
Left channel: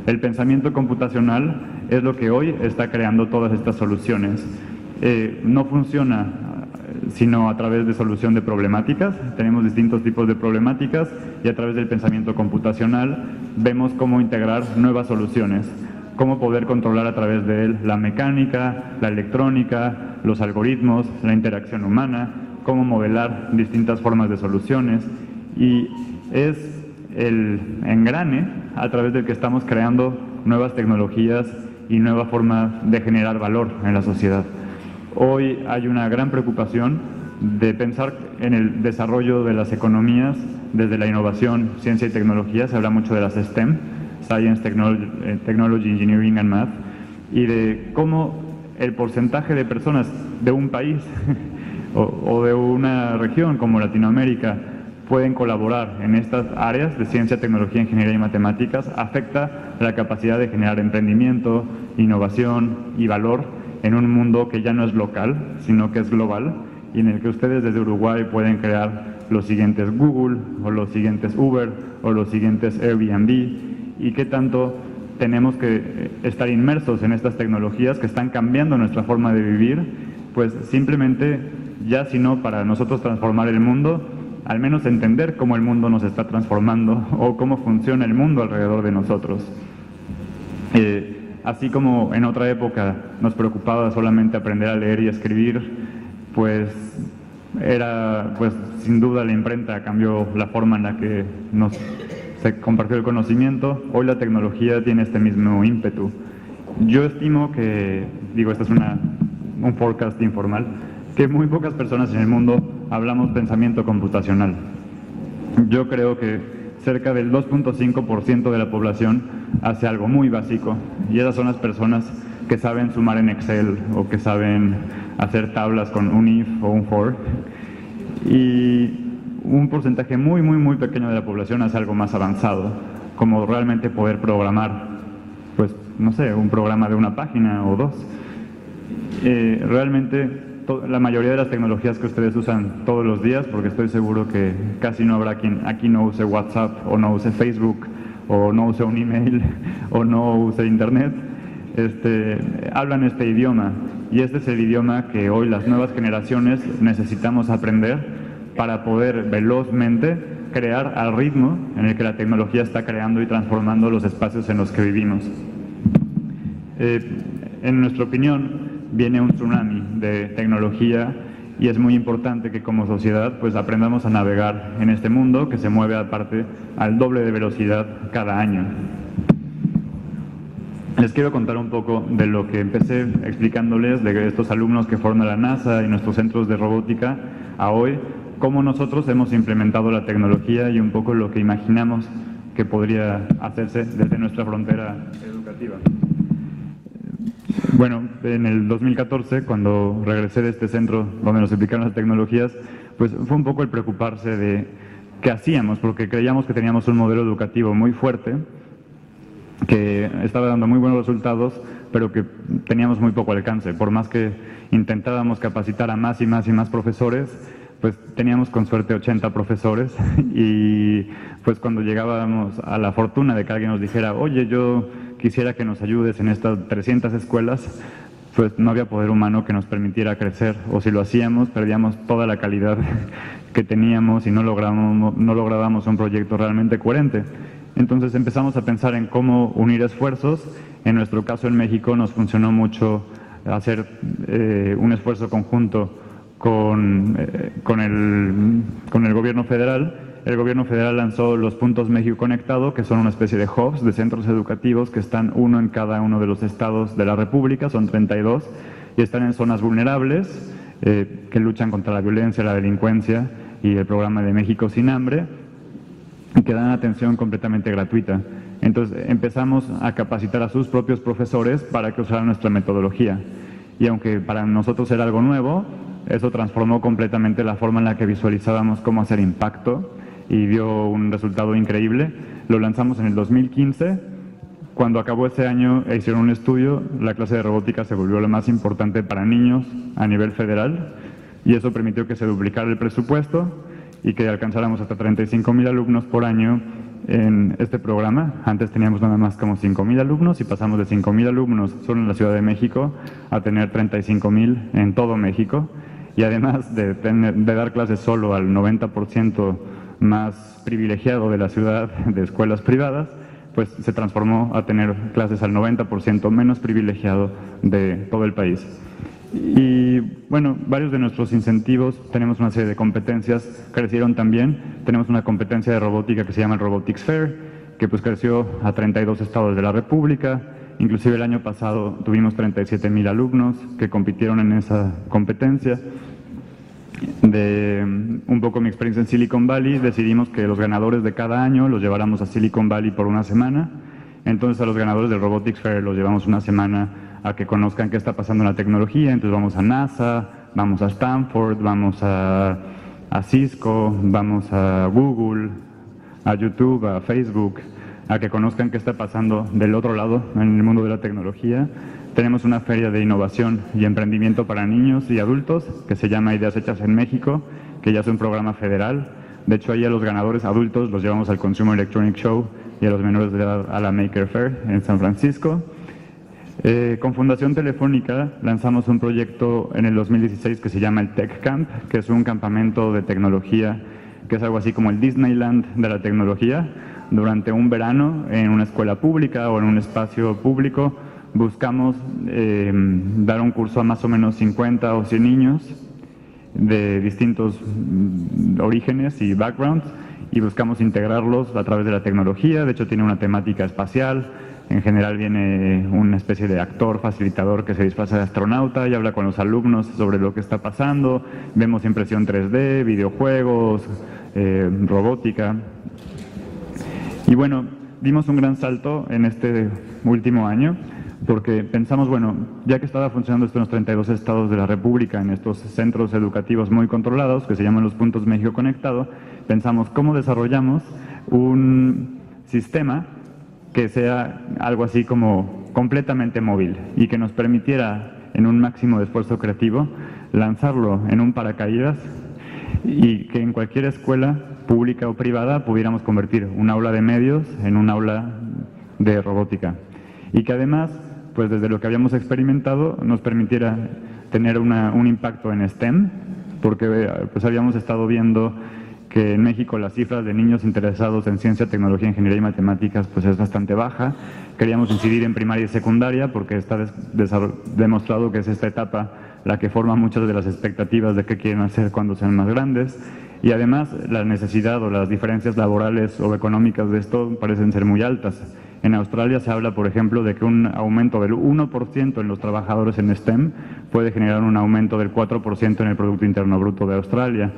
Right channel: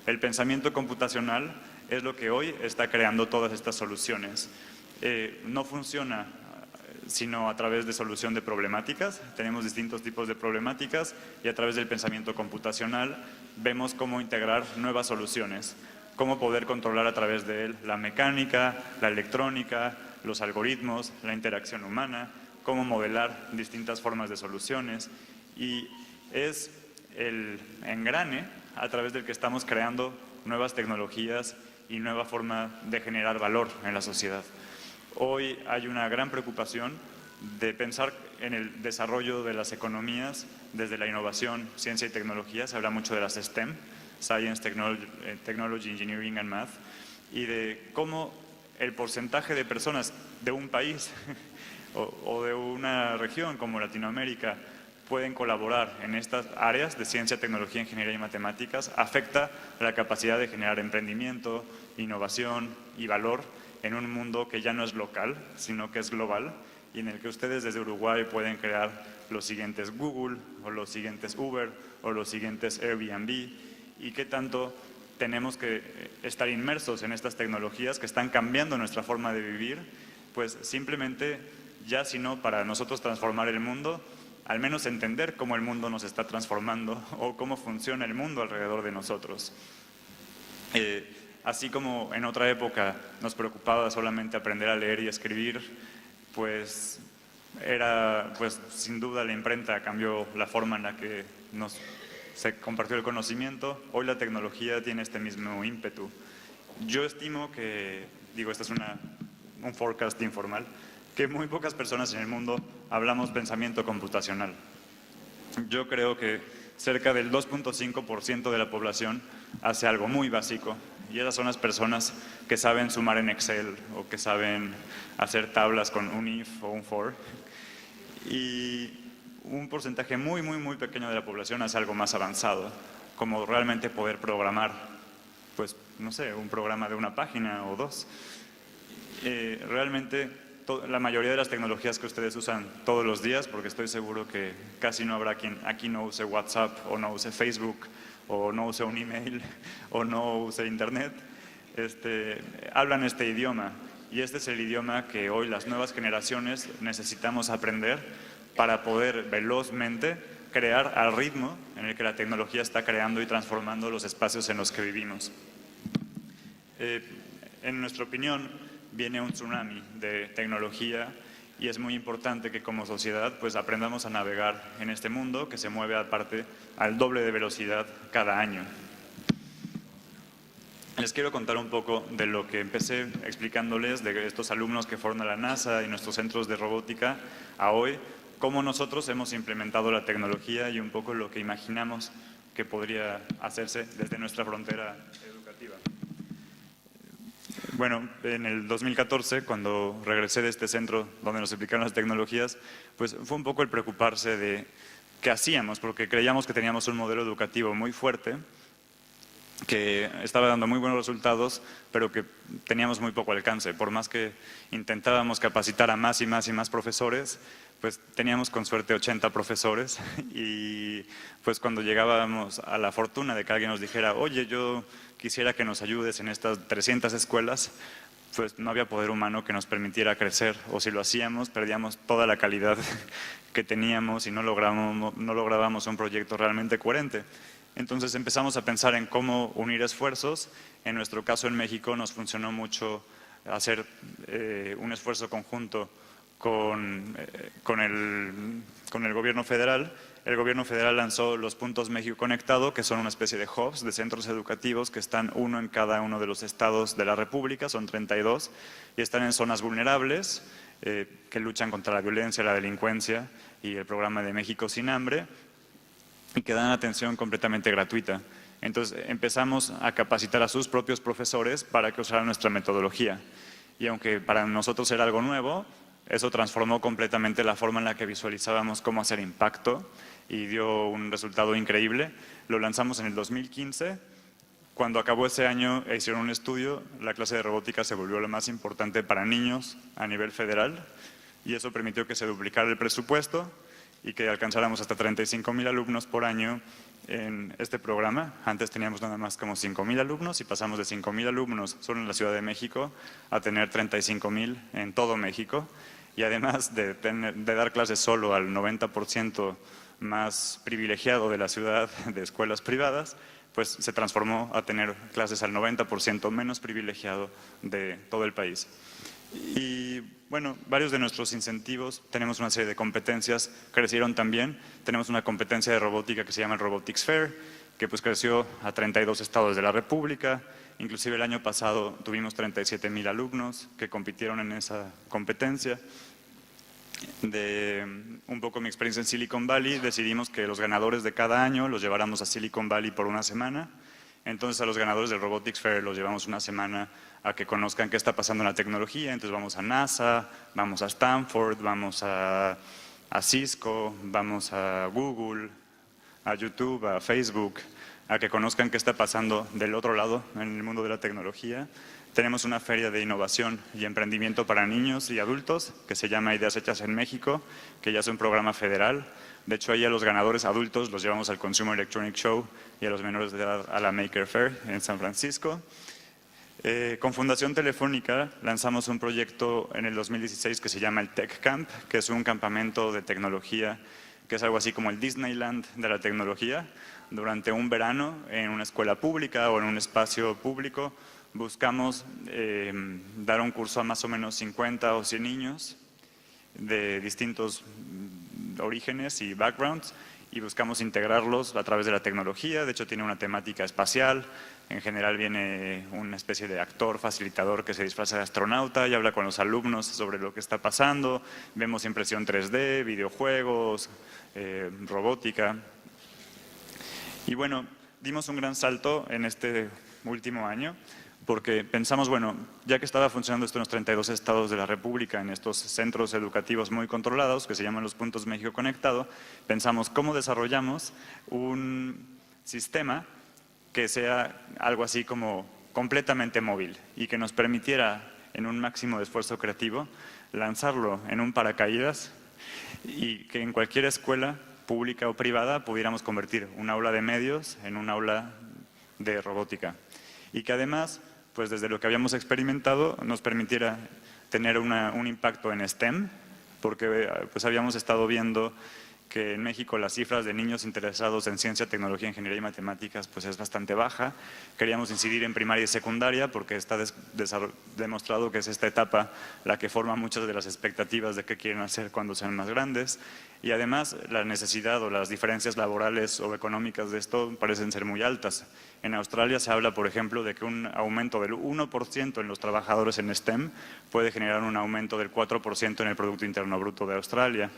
El pensamiento computacional es lo que hoy está creando todas estas soluciones. No funciona sino a través de solución de problemáticas. Tenemos distintos tipos de problemáticas y a través del pensamiento computacional vemos cómo integrar nuevas soluciones, cómo poder controlar a través de él la mecánica, la electrónica, los algoritmos, la interacción humana, cómo modelar distintas formas de soluciones, y es el engrane a través del que estamos creando nuevas tecnologías y nueva forma de generar valor en la sociedad. Hoy hay una gran preocupación de pensar en el desarrollo de las economías desde la innovación, ciencia y tecnología. Se habla mucho de las STEM, Science, Technology, Engineering and Math, y de cómo el porcentaje de personas de un país o de una región como Latinoamérica pueden colaborar en estas áreas de ciencia, tecnología, ingeniería y matemáticas afecta la capacidad de generar emprendimiento, innovación y valor en un mundo que ya no es local, sino que es global, y en el que ustedes desde Uruguay pueden crear los siguientes Google, o los siguientes Uber, o los siguientes Airbnb, y qué tanto tenemos que estar inmersos en estas tecnologías que están cambiando nuestra forma de vivir, pues simplemente, ya si no para nosotros transformar el mundo, al menos entender cómo el mundo nos está transformando o cómo funciona el mundo alrededor de nosotros. Así como en otra época nos preocupaba solamente aprender a leer y escribir, pues sin duda la imprenta cambió la forma en la que se compartió el conocimiento. Hoy la tecnología tiene este mismo ímpetu. Yo estimo que, este es un forecast informal, que muy pocas personas en el mundo hablamos pensamiento computacional. Yo creo que cerca del 2.5% de la población hace algo muy básico, y esas son las personas que saben sumar en Excel o que saben hacer tablas con un if o un for, y un porcentaje muy, muy, muy pequeño de la población hace algo más avanzado, como realmente poder programar, pues no sé, un programa de una página o dos. Realmente la mayoría de las tecnologías que ustedes usan todos los días, porque estoy seguro que casi no habrá quien aquí no use WhatsApp o no use Facebook o no use un email o no use Internet, hablan este idioma, y este es el idioma que hoy las nuevas generaciones necesitamos aprender para poder velozmente crear al ritmo en el que la tecnología está creando y transformando los espacios en los que vivimos. En nuestra opinión, viene un tsunami de tecnología, y es muy importante que como sociedad pues aprendamos a navegar en este mundo que se mueve aparte al doble de velocidad cada año. Les quiero contar un poco de lo que empecé explicándoles de estos alumnos que fueron a la NASA y nuestros centros de robótica a hoy, cómo nosotros hemos implementado la tecnología y un poco lo que imaginamos que podría hacerse desde nuestra frontera educativa. Bueno, en el 2014, cuando regresé de este centro donde nos explicaron las tecnologías, pues fue un poco el preocuparse de qué hacíamos, porque creíamos que teníamos un modelo educativo muy fuerte, que estaba dando muy buenos resultados, pero que teníamos muy poco alcance. Por más que intentábamos capacitar a más y más y más profesores, pues teníamos con suerte 80 profesores, y pues cuando llegábamos a la fortuna de que alguien nos dijera, oye, yo quisiera que nos ayudes en estas 300 escuelas, pues no había poder humano que nos permitiera crecer, o si lo hacíamos, perdíamos toda la calidad que teníamos y no lográbamos un proyecto realmente coherente. Entonces empezamos a pensar en cómo unir esfuerzos. En nuestro caso en México nos funcionó mucho hacer un esfuerzo conjunto con el gobierno federal. El gobierno federal lanzó los Puntos México Conectado, que son una especie de hubs, de centros educativos que están uno en cada uno de los estados de la República, son 32, y están en zonas vulnerables que luchan contra la violencia, la delincuencia, y el programa de México Sin Hambre, y que dan atención completamente gratuita. Entonces empezamos a capacitar a sus propios profesores para que usaran nuestra metodología. Y aunque para nosotros era algo nuevo, eso transformó completamente la forma en la que visualizábamos cómo hacer impacto, y dio un resultado increíble. Lo lanzamos en el 2015. Cuando acabó ese año e hicieron un estudio, la clase de robótica se volvió la más importante para niños a nivel federal, y eso permitió que se duplicara el presupuesto y que alcanzáramos hasta 35,000 alumnos por año en este programa. Antes teníamos nada más como 5,000 alumnos y pasamos de 5,000 alumnos solo en la Ciudad de México a tener 35,000 en todo México. Y además de dar clases solo al 90% más privilegiado de la ciudad de escuelas privadas, pues se transformó a tener clases al 90% menos privilegiado de todo el país. Y bueno, varios de nuestros incentivos, tenemos una serie de competencias, crecieron también. Tenemos una competencia de robótica que se llama el Robotics Fair, que pues creció a 32 estados de la República. Inclusive el año pasado tuvimos 37,000 alumnos que compitieron en esa competencia. De un poco mi experiencia en Silicon Valley, decidimos que los ganadores de cada año los lleváramos a Silicon Valley por una semana. Entonces a los ganadores del Robotics Fair los llevamos una semana a que conozcan qué está pasando en la tecnología. Entonces vamos a NASA, vamos a Stanford, vamos a Cisco, vamos a Google, a YouTube, a Facebook, a que conozcan qué está pasando del otro lado en el mundo de la tecnología. Tenemos una feria de innovación y emprendimiento para niños y adultos que se llama Ideas Hechas en México, que ya es un programa federal. De hecho, ahí a los ganadores adultos los llevamos al Consumer Electronics Show y a los menores de edad a la Maker Faire en San Francisco. Con Fundación Telefónica lanzamos un proyecto en el 2016 que se llama el Tech Camp, que es un campamento de tecnología, que es algo así como el Disneyland de la tecnología. Durante un verano en una escuela pública o en un espacio público buscamos dar un curso a más o menos 50 o 100 niños de distintos orígenes y backgrounds y buscamos integrarlos a través de la tecnología. De hecho, tiene una temática espacial. En general viene una especie de actor, facilitador que se disfraza de astronauta y habla con los alumnos sobre lo que está pasando. Vemos impresión 3D, videojuegos, robótica. Y bueno, dimos un gran salto en este último año porque pensamos, bueno, ya que estaba funcionando esto en los 32 estados de la República, en estos centros educativos muy controlados, que se llaman los puntos México Conectado, pensamos cómo desarrollamos un sistema que sea algo así como completamente móvil y que nos permitiera, en un máximo de esfuerzo creativo, lanzarlo en un paracaídas y que en cualquier escuela pública o privada pudiéramos convertir un aula de medios en un aula de robótica. Y que además, pues desde lo que habíamos experimentado, nos permitiera tener un impacto en STEM, porque pues habíamos estado viendo que en México las cifras de niños interesados en ciencia, tecnología, ingeniería y matemáticas pues es bastante baja. Queríamos incidir en primaria y secundaria porque está demostrado que es esta etapa la que forma muchas de las expectativas de qué quieren hacer cuando sean más grandes. Y además la necesidad o las diferencias laborales o económicas de esto parecen ser muy altas. En Australia se habla, por ejemplo, de que un aumento del 1% en los trabajadores en STEM puede generar un aumento del 4% en el Producto Interno Bruto de Australia.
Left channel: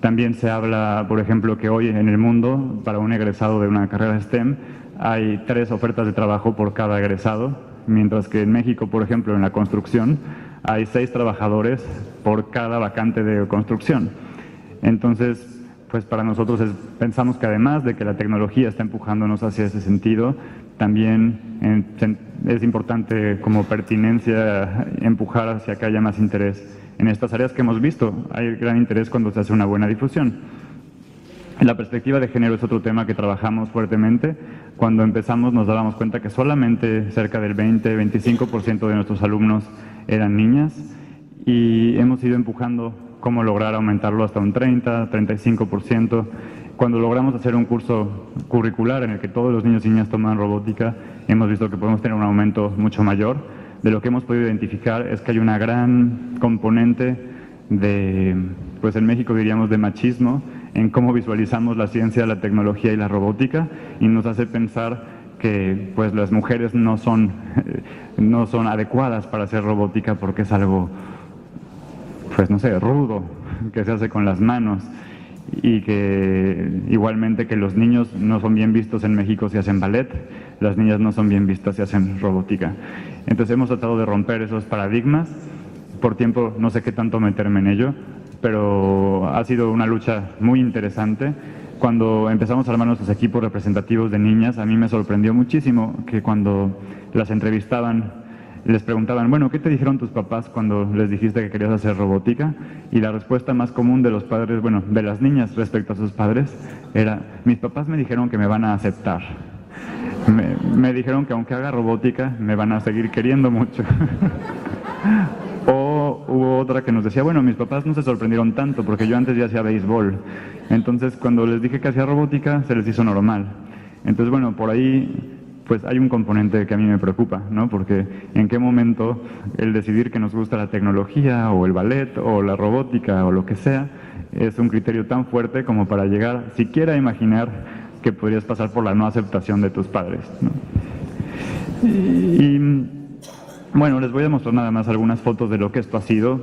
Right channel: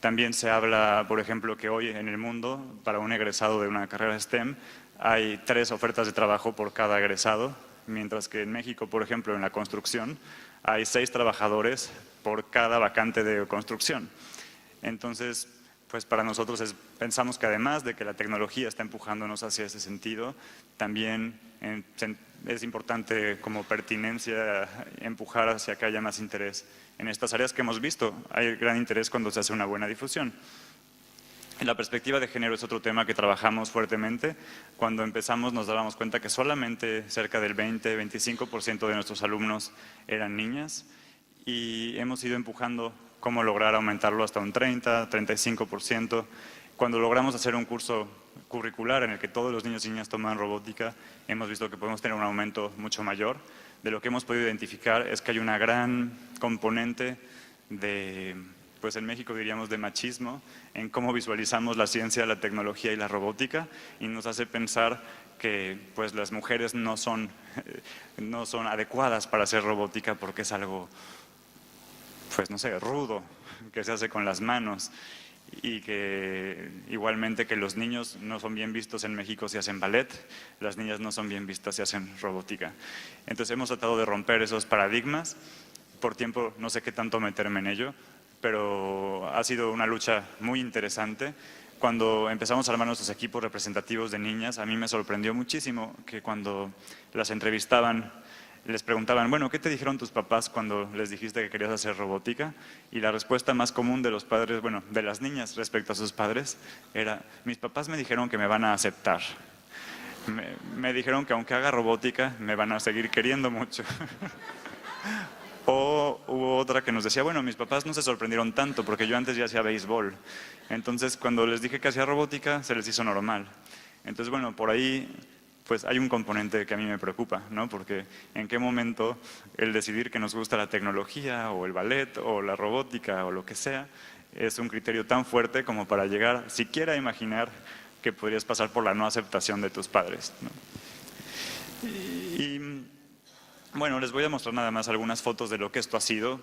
También se habla, por ejemplo, que hoy en el mundo, para un egresado de una carrera STEM, hay 3 ofertas de trabajo por cada egresado, mientras que en México, por ejemplo, en la construcción, hay 6 trabajadores por cada vacante de construcción. Entonces, pues para nosotros pensamos que además de que la tecnología está empujándonos hacia ese sentido, también es importante como pertinencia empujar hacia que haya más interés en estas áreas que hemos visto. Hay gran interés cuando se hace una buena difusión. La perspectiva de género es otro tema que trabajamos fuertemente. Cuando empezamos nos dábamos cuenta que solamente cerca del 20-25% de nuestros alumnos eran niñas y hemos ido empujando cómo lograr aumentarlo hasta un 30-35%. Cuando logramos hacer un curso curricular en el que todos los niños y niñas toman robótica, hemos visto que podemos tener un aumento mucho mayor. De lo que hemos podido identificar es que hay una gran componente de, pues en México diríamos de machismo, en cómo visualizamos la ciencia, la tecnología y la robótica, y nos hace pensar que pues las mujeres no son adecuadas para hacer robótica porque es algo, pues no sé, rudo, que se hace con las manos, y que igualmente que los niños no son bien vistos en México si hacen ballet, las niñas no son bien vistas si hacen robótica. Entonces hemos tratado de romper esos paradigmas. Por tiempo no sé qué tanto meterme en ello, pero ha sido una lucha muy interesante. Cuando empezamos a armar nuestros equipos representativos de niñas, a mí me sorprendió muchísimo que cuando las entrevistaban les preguntaban, bueno, ¿qué te dijeron tus papás cuando les dijiste que querías hacer robótica? Y la respuesta más común de los padres, bueno, de las niñas respecto a sus padres, era, mis papás me dijeron que me van a aceptar. Me dijeron que aunque haga robótica, me van a seguir queriendo mucho. O hubo otra que nos decía, bueno, mis papás no se sorprendieron tanto porque yo antes ya hacía béisbol. Entonces, cuando les dije que hacía robótica, se les hizo normal. Entonces, bueno, por ahí pues hay un componente que a mí me preocupa, ¿no? Porque en qué momento el decidir que nos gusta la tecnología o el ballet o la robótica o lo que sea es un criterio tan fuerte como para llegar siquiera a imaginar que podrías pasar por la no aceptación de tus padres, ¿no? Y bueno, les voy a mostrar nada más algunas fotos de lo que esto ha sido.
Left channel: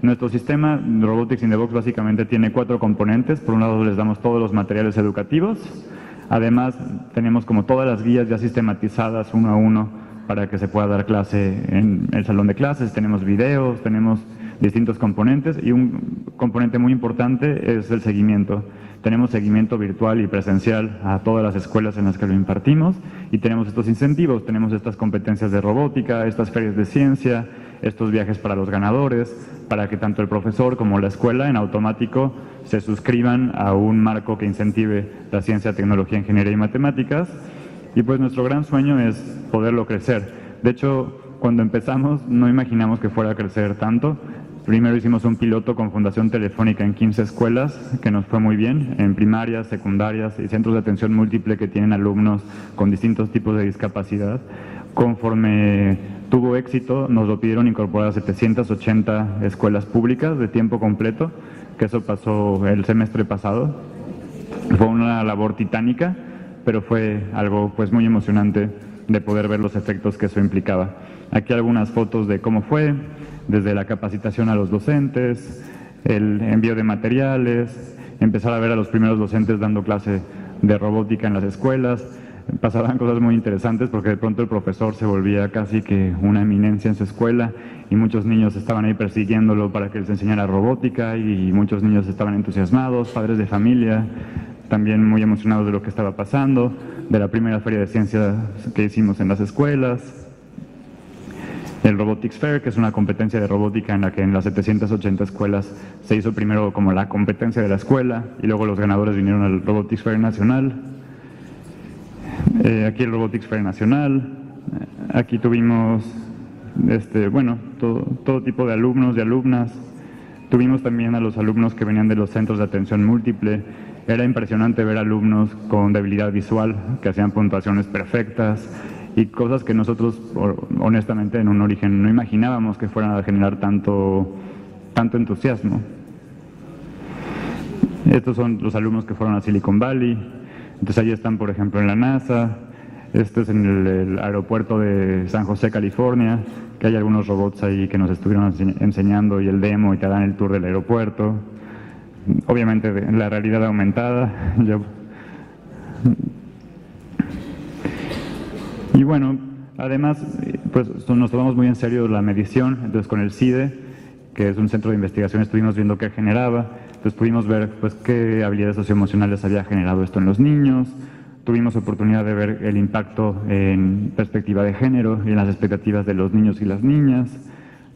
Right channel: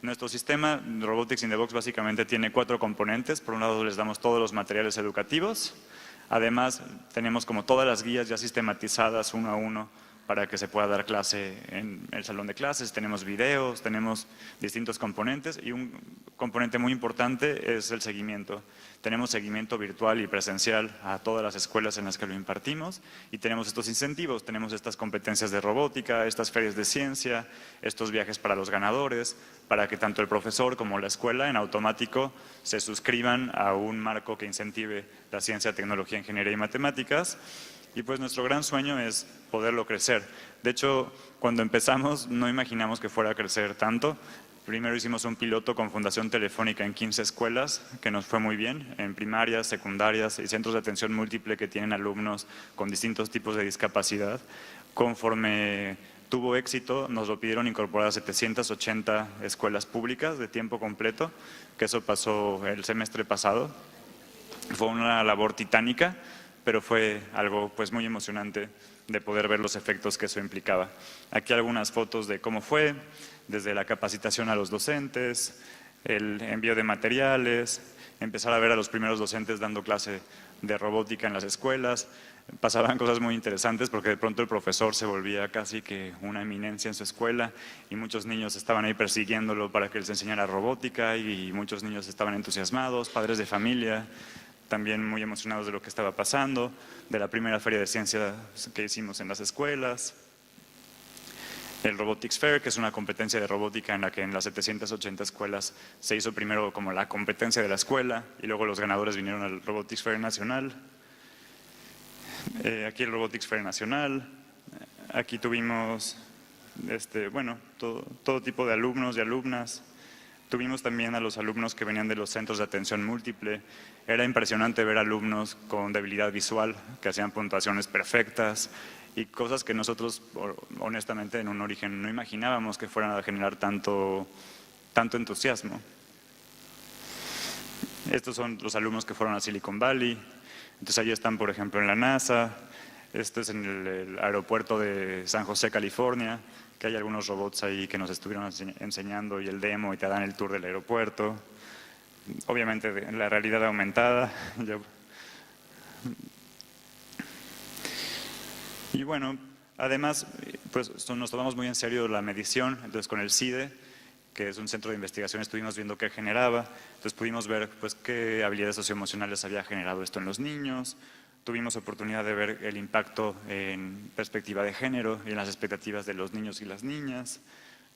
Nuestro sistema Robotics in the Box básicamente tiene 4 componentes. Por un lado les damos todos los materiales educativos. Además, tenemos como todas las guías ya sistematizadas uno a uno para que se pueda dar clase en el salón de clases. Tenemos videos, tenemos distintos componentes y un componente muy importante es el seguimiento. Tenemos seguimiento virtual y presencial a todas las escuelas en las que lo impartimos y tenemos estos incentivos, tenemos estas competencias de robótica, estas ferias de ciencia, estos viajes para los ganadores, para que tanto el profesor como la escuela en automático se suscriban a un marco que incentive la ciencia, tecnología, ingeniería y matemáticas. Y pues nuestro gran sueño es poderlo crecer. De hecho, cuando empezamos no imaginamos que fuera a crecer tanto. Primero hicimos un piloto con Fundación Telefónica en 15 escuelas, que nos fue muy bien, en primarias, secundarias y centros de atención múltiple que tienen alumnos con distintos tipos de discapacidad. Conforme tuvo éxito, nos lo pidieron incorporar a 780 escuelas públicas de tiempo completo, que eso pasó el semestre pasado. Fue una labor titánica, pero fue algo pues muy emocionante de poder ver los efectos que eso implicaba. Aquí algunas fotos de cómo fue, desde la capacitación a los docentes, el envío de materiales, empezar a ver a los primeros docentes dando clase de robótica en las escuelas. Pasaban cosas muy interesantes porque de pronto el profesor se volvía casi que una eminencia en su escuela y muchos niños estaban ahí persiguiéndolo para que les enseñara robótica y muchos niños estaban entusiasmados, padres de familia, también muy emocionados de lo que estaba pasando, de la primera feria de ciencia que hicimos en las escuelas. El Robotics Fair, que es una competencia de robótica en la que en las 780 escuelas se hizo primero como la competencia de la escuela y luego los ganadores vinieron al Robotics Fair Nacional. Aquí el Robotics Fair Nacional. Aquí tuvimos todo tipo de alumnos y alumnas. Tuvimos también a los alumnos que venían de los centros de atención múltiple. Era impresionante ver alumnos con debilidad visual que hacían puntuaciones perfectas y cosas que nosotros, honestamente, en un origen no imaginábamos que fueran a generar tanto entusiasmo. Estos son los alumnos que fueron a Silicon Valley. Entonces ahí están, por ejemplo, en la NASA. Este es en el aeropuerto de San José, California, que hay algunos robots ahí que nos estuvieron enseñando y el demo y te dan el tour del aeropuerto. Obviamente en la realidad aumentada. Y bueno, además pues nos tomamos muy en serio la medición, entonces con el CIDE, que es un centro de investigación, estuvimos viendo qué generaba, entonces pudimos ver pues qué habilidades socioemocionales había generado esto en los niños. Tuvimos oportunidad de ver el impacto en perspectiva de género y en las expectativas de los niños y las niñas.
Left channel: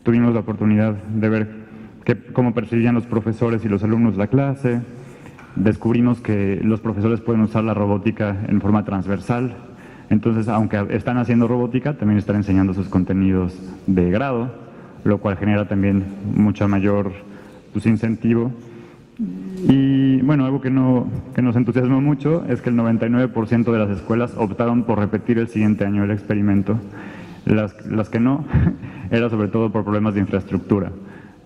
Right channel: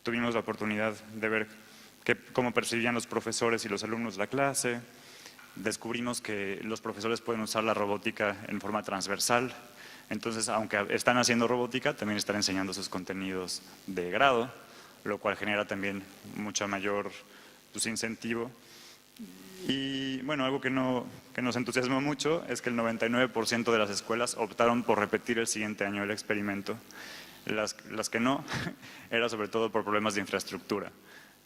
Tuvimos la oportunidad de ver cómo percibían los profesores y los alumnos la clase. Descubrimos que los profesores pueden usar la robótica en forma transversal. Entonces, aunque están haciendo robótica, también están enseñando sus contenidos de grado, lo cual genera también mucha mayor incentivo. Y bueno, algo que nos entusiasmó mucho es que el 99% de las escuelas optaron por repetir el siguiente año el experimento. Las que no, era sobre todo por problemas de infraestructura,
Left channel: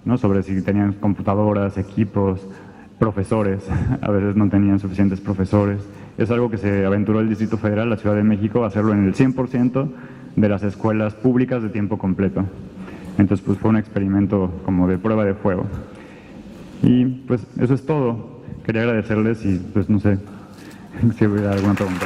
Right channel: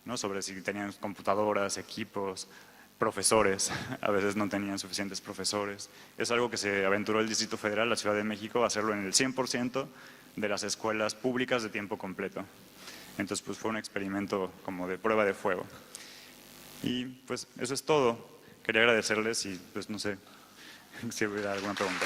¿no? Sobre si tenían computadoras, equipos, profesores. A veces no tenían suficientes profesores. Es algo que se aventuró el Distrito Federal, la Ciudad de México, a hacerlo en el 100% de las escuelas públicas de tiempo completo. Entonces, pues fue un experimento como de prueba de fuego. Y pues eso es todo. Quería agradecerles y pues no sé si hubiera alguna pregunta.